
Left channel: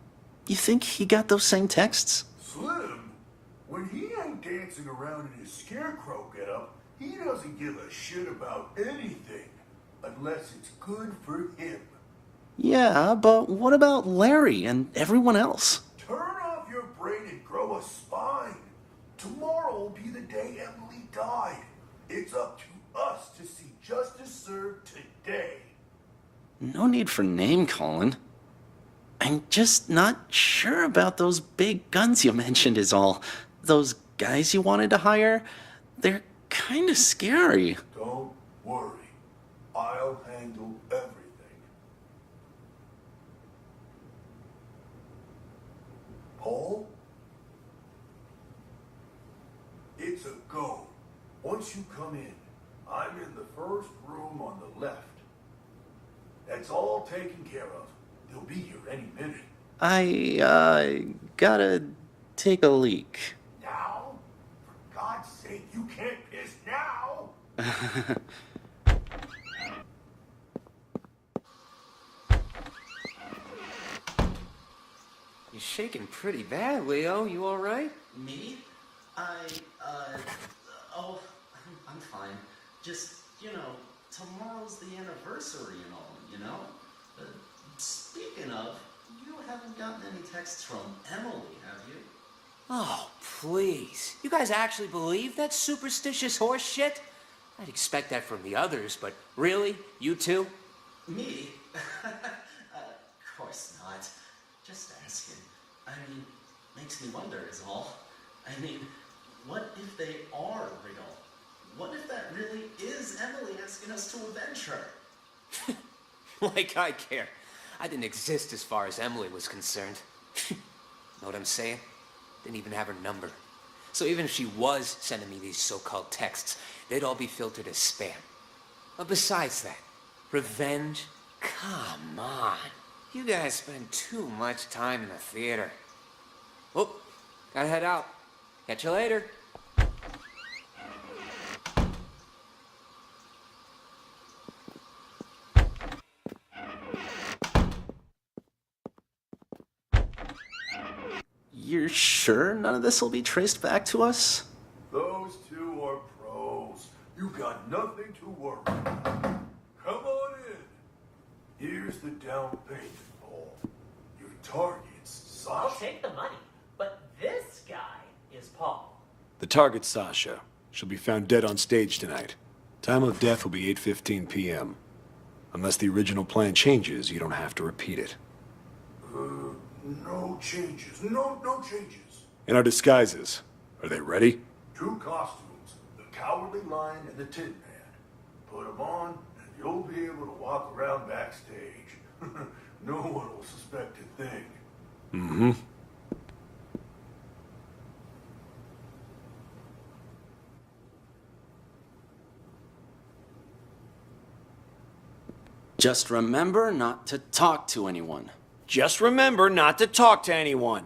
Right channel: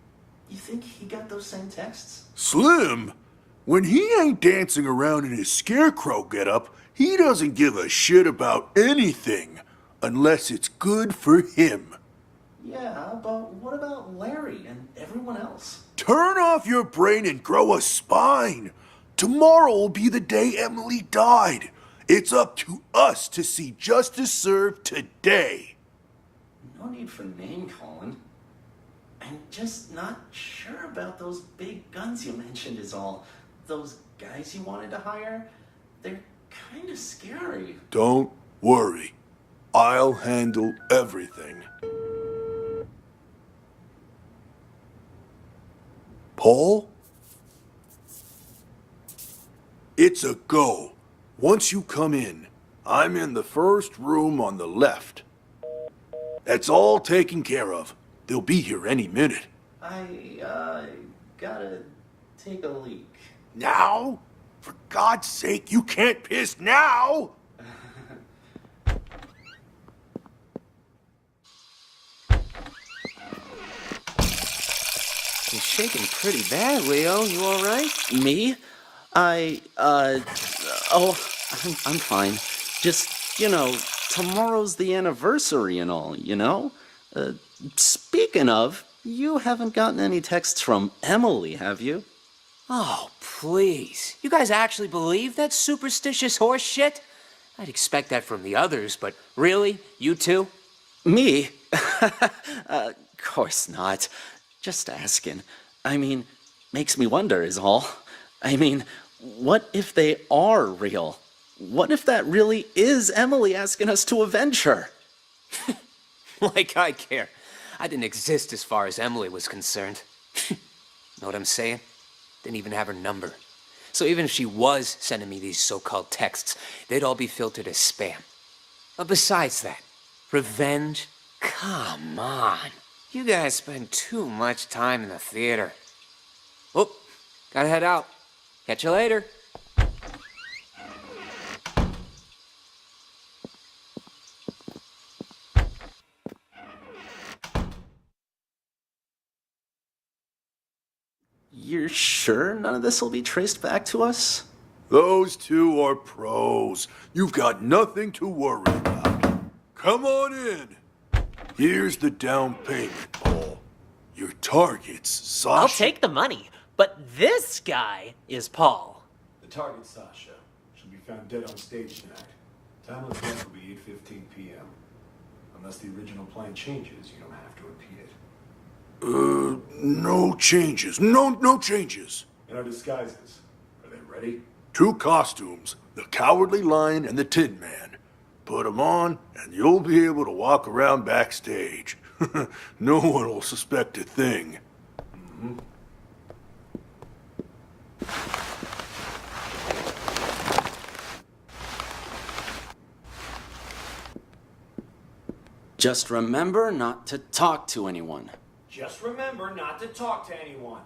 You think he got those same texts? Slim? When he ain't dancing around in his scarecrow getup, he doesn't give a shit about anything, unless it's good for him. Yeah, but what about Larry and everyone else? Turn off your brain and grow a spine. Tomorrow will be the day Emily died. It's up to us to see justice served today. No need for name-calling. I'm just not sure about those big guns you mentioned is all. Those guys you wanted to hire, they're kind of scary. Don't worry. I'll handle everything. Paul? It's a go. Once you come in, I'm in the first room on the left. That's all taken care of. They'll be here any minute. I gotta take a leak. Now? For God's sake, you can't piss now! You're shaking pretty bad, Leo. You all right? Me? Oh, I'm fine. Just, you know, tomorrow's the anniversary and all, you know? Speaking of, you haven't gotten any texts from Emily, have you? Oh, please. You guys actually believe that superstitious horse shit? I'd expect that from the others, but really? You too? Me? Of course not. Just asking. I mean, makes me wonder is all. I mean, what if they are real? What if that really is Emily asking us to avenge her? Like I care. I didn't exist as far as Emily was concerned. Know what I'm saying? Didn't even have her number. So even if she was sending me these so-called texts, they'd all be filtered as spam. But besides that, revenge? Come on. You guys spend too much time in the theater. Oh, gotta head out. Catch you later. You're sure none of this will be traced back to us? Those two are pros. You've got nothing to worry about. Come on in. Here's the down payment, Paul. Your target's Sasha. I'll take the money, but this guy is Paul. The target's Sasha. She'll be found dead on stage tonight. Time of death will be 8:15 p.m. Unless the original plan changes, you don't have to repeat it. No changes. No changes. In our disguises, are they ready? 2 costumes, the Cowardly Lion and the Tin Man. Put 'em on, and you'll be able to walk around backstage. No one will suspect a thing. Mm-hmm. Just remember not to talk to anyone. Just remember not to talk to anyone.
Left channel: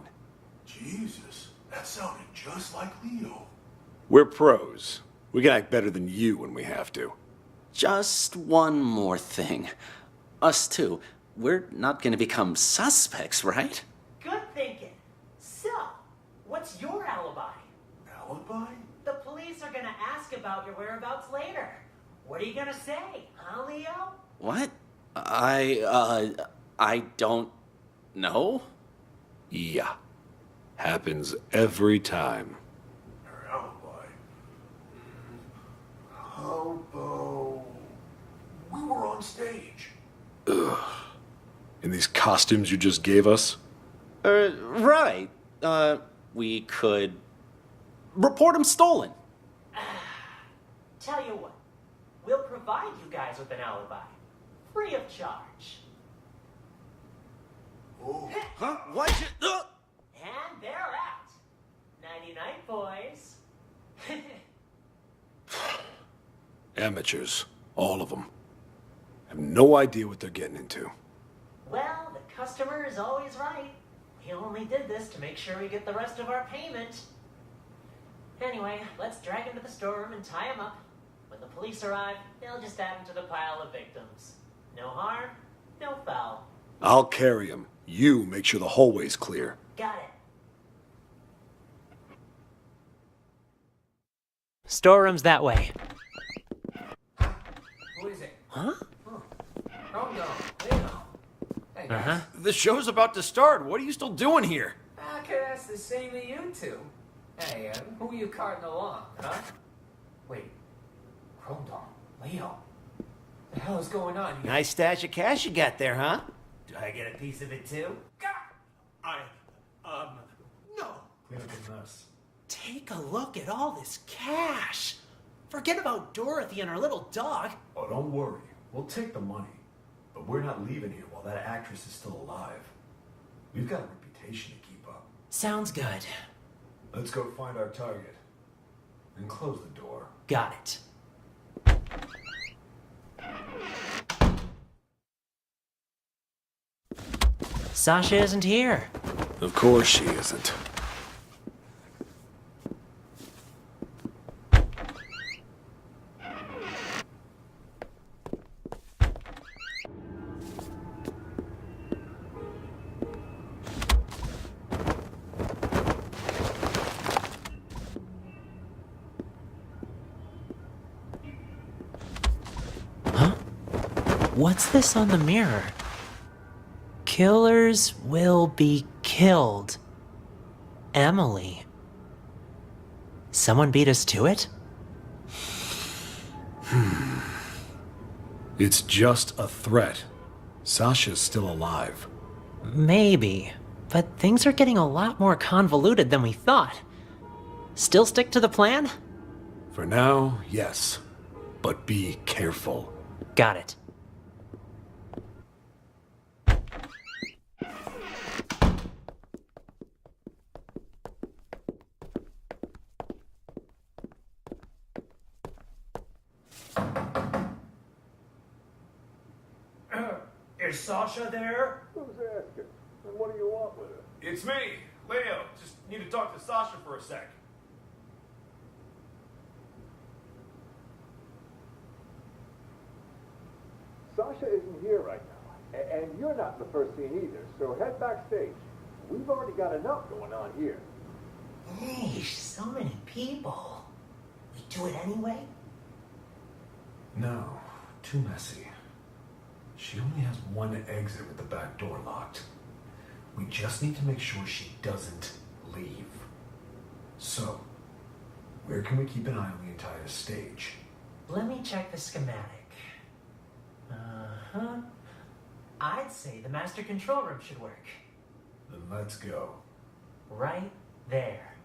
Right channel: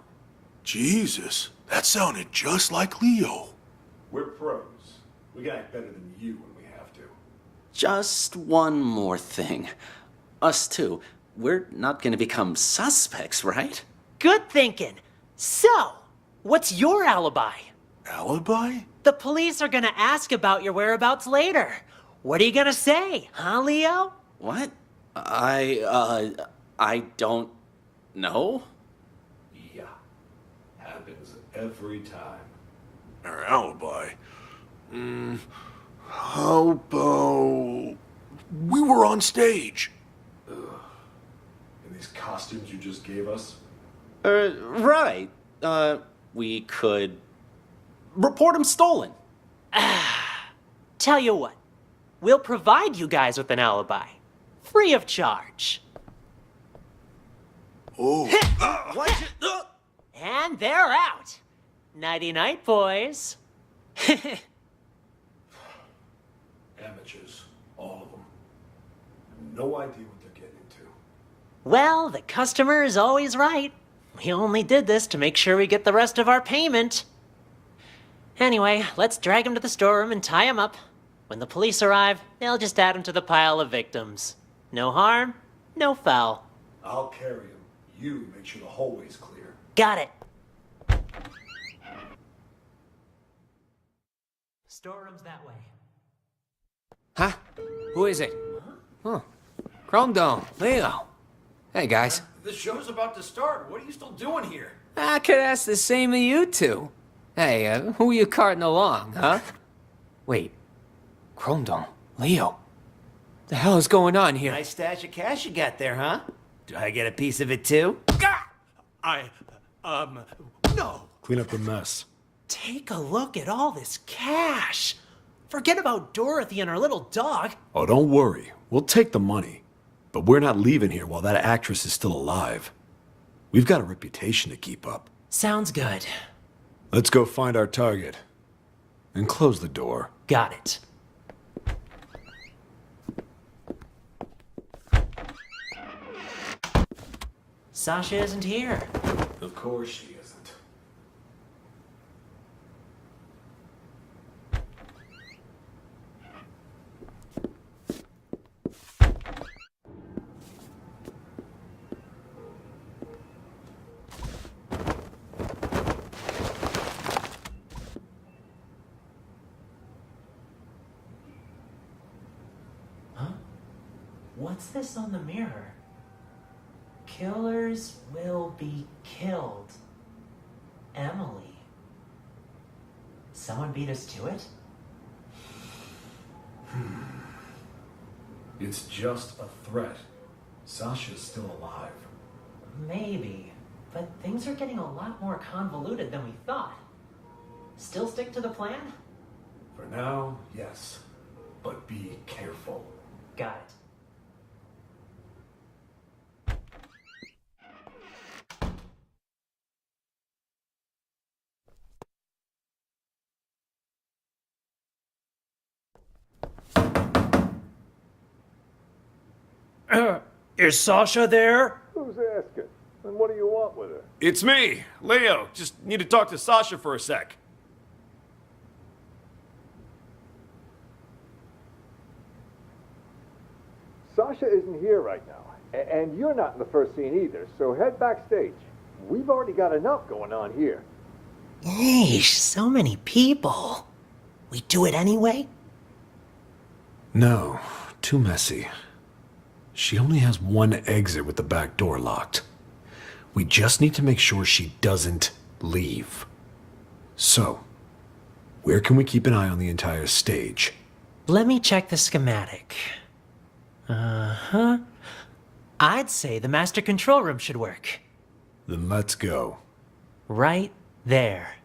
Jesus, that sounded just like Leo. We're pros. We can act better than you when we have to. Just one more thing. Us too. We're not gonna become suspects, right? Good thinking. So, what's your alibi? Alibi? The police are gonna ask about your whereabouts later. What are you gonna say, huh, Leo? What? I don't know. Yeah. Happens every time. Our alibi? How about... We were on stage. In these costumes you just gave us? Right. We could report him stolen. Tell you what, we'll provide you guys with an alibi. Free of charge. Oh. And they're out. Nighty-night, boys. Amateurs. All of them. Have no idea what they're getting into. Well, the customer is always right. We only did this to make sure we get the rest of our payment. Anyway, let's drag him to the storeroom and tie him up. When the police arrive, they'll just add him to the pile of victims. No harm, no foul. I'll carry him. You make sure the hallway's clear. Got it. Storeroom's that way. Huh? Who is it? Huh? Chrome Dome, Leo. Hey, guys. The show's about to start. What are you still doing here? I could ask the same of you two. Hey, who are you carting along, huh? Wait. Chrome Dome, Leo. The hell is going on here? Nice stash of cash you got there, huh? Do I get a piece of it too? No. Clean up the mess. Take a look at all this cash. Forget about Dorothy and her little dog. Oh, don't worry. We'll take the money. But we're not leaving here while that actress is still alive. We've got a reputation to keep up. Sounds good. Let's go find our target. And close the door. Got it. Sasha isn't here. Of course she isn't. Huh? What's this on the mirror? Killers will be killed. Emily. Someone beat us to it? It's just a threat. Sasha's still alive. Maybe, but things are getting a lot more convoluted than we thought. Still stick to the plan? For now, yes. But be careful. Got it. Is Sasha there? Who's asking? And what do you want with her? It's me, Leo. Just need to talk to Sasha for a sec. Sasha isn't here right now. And you're not in the first scene either, so head backstage. We've already got enough going on here. Yeesh, so many people. We do it anyway? No, too messy. She only has one exit with the back door locked. We just need to make sure she doesn't leave. So, where can we keep an eye on the entire stage? Let me check the schematic. Uh-huh. I'd say the master control room should work. Then let's go. Right there.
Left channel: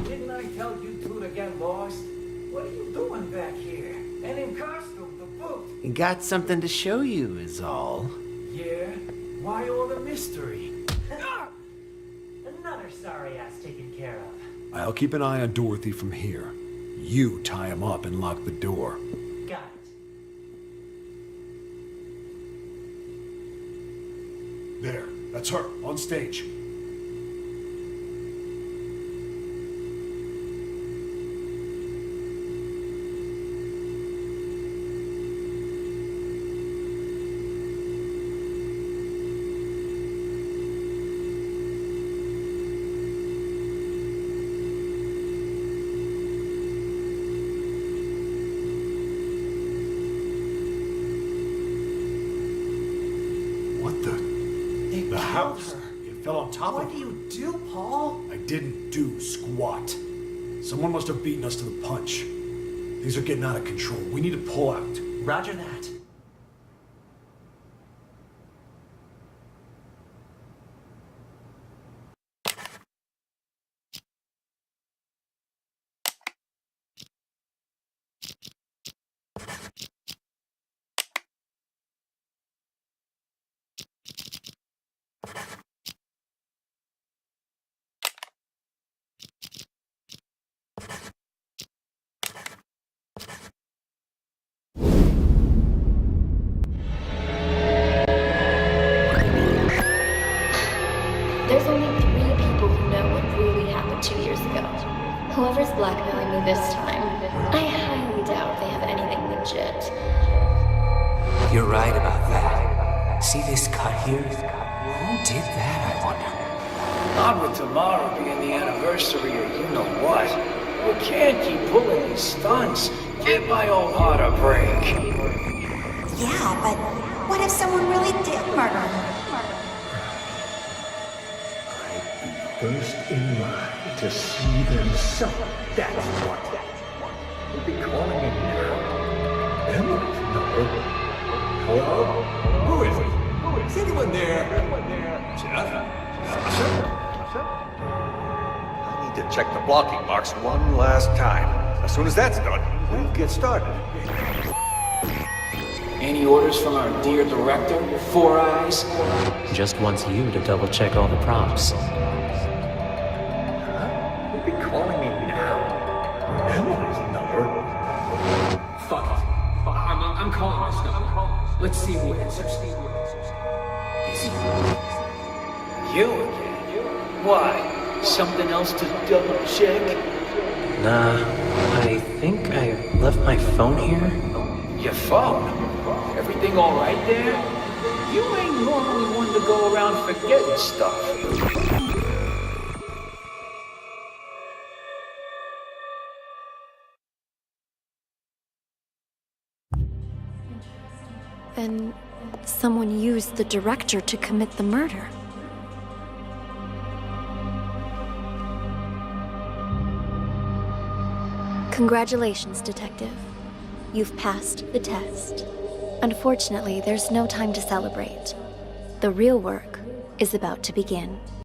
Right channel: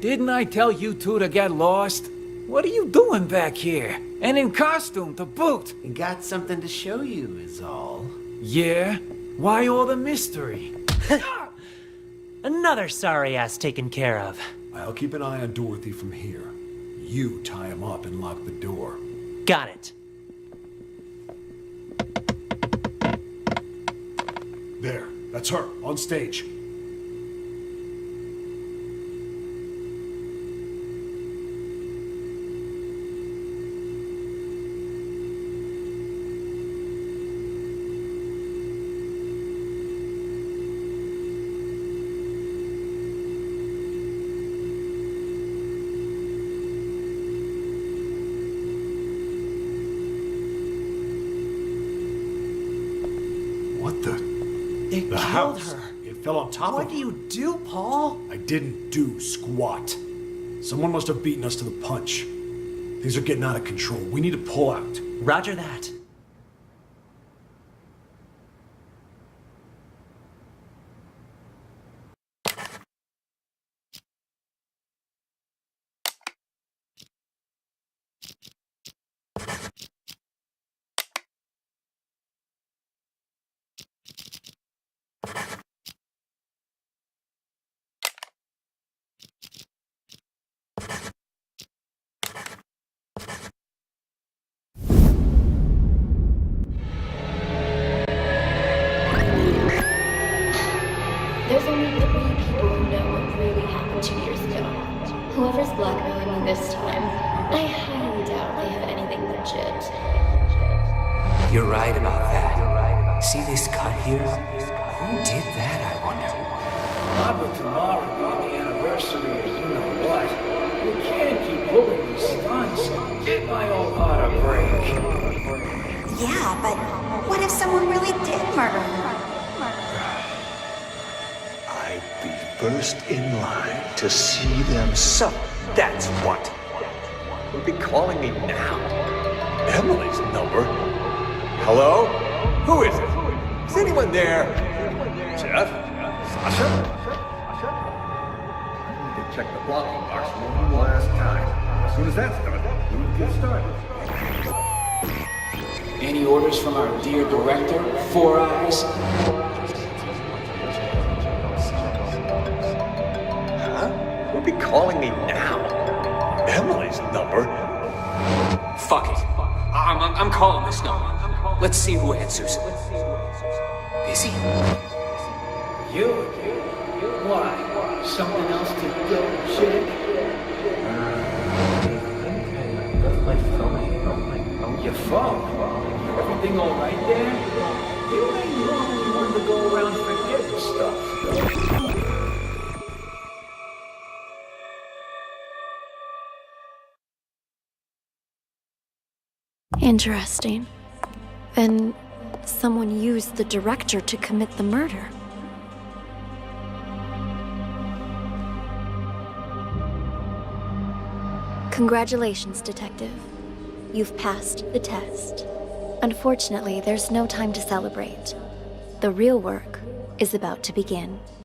Didn't I tell you two to get lost? What are you doing back here? And in costume to boot? Got something to show you, is all. Yeah? Why all the mystery? Another sorry ass taken care of. I'll keep an eye on Dorothy from here. You tie him up and lock the door. Got it. There, that's her, on stage. The house. It fell on top of What me. do you do, Paul? I didn't do squat. Someone must have beaten us to the punch. Things are getting out of control. We need to pull out. Roger that. There's only 3 people who know what really happened 2 years ago. Whoever's blackmailing me this time, I highly doubt they have anything legit. You're right about that. See this cut here? Who did that, I wonder? Not with tomorrow being the anniversary of you know what. We can't keep pulling these stunts. Give my old heart a break. Yeah, but what if someone really did murder her? I'd be first in line to see them. So, that's what. You'll be calling me now. Emily's number. Hello? Who is it? Is anyone there? Jeff? Sasha? I need to check the blocking box one last time. As soon as that's done, we'll get started. Any orders from our dear director, Four Eyes? Just wants you to double check all the props. You'll be calling me now. Emily's number. Fuck it. I'm calling this number. Let's see who answers. Busy? You again? Why? Something else to double check? Nah, I think I left my phone here. Your phone? Everything all right there? You ain't normally one to go around forgetting stuff. Interesting. Then someone used the director to commit the murder. Congratulations, Detective. You've passed the test. Unfortunately, there's no time to celebrate. The real work is about to begin.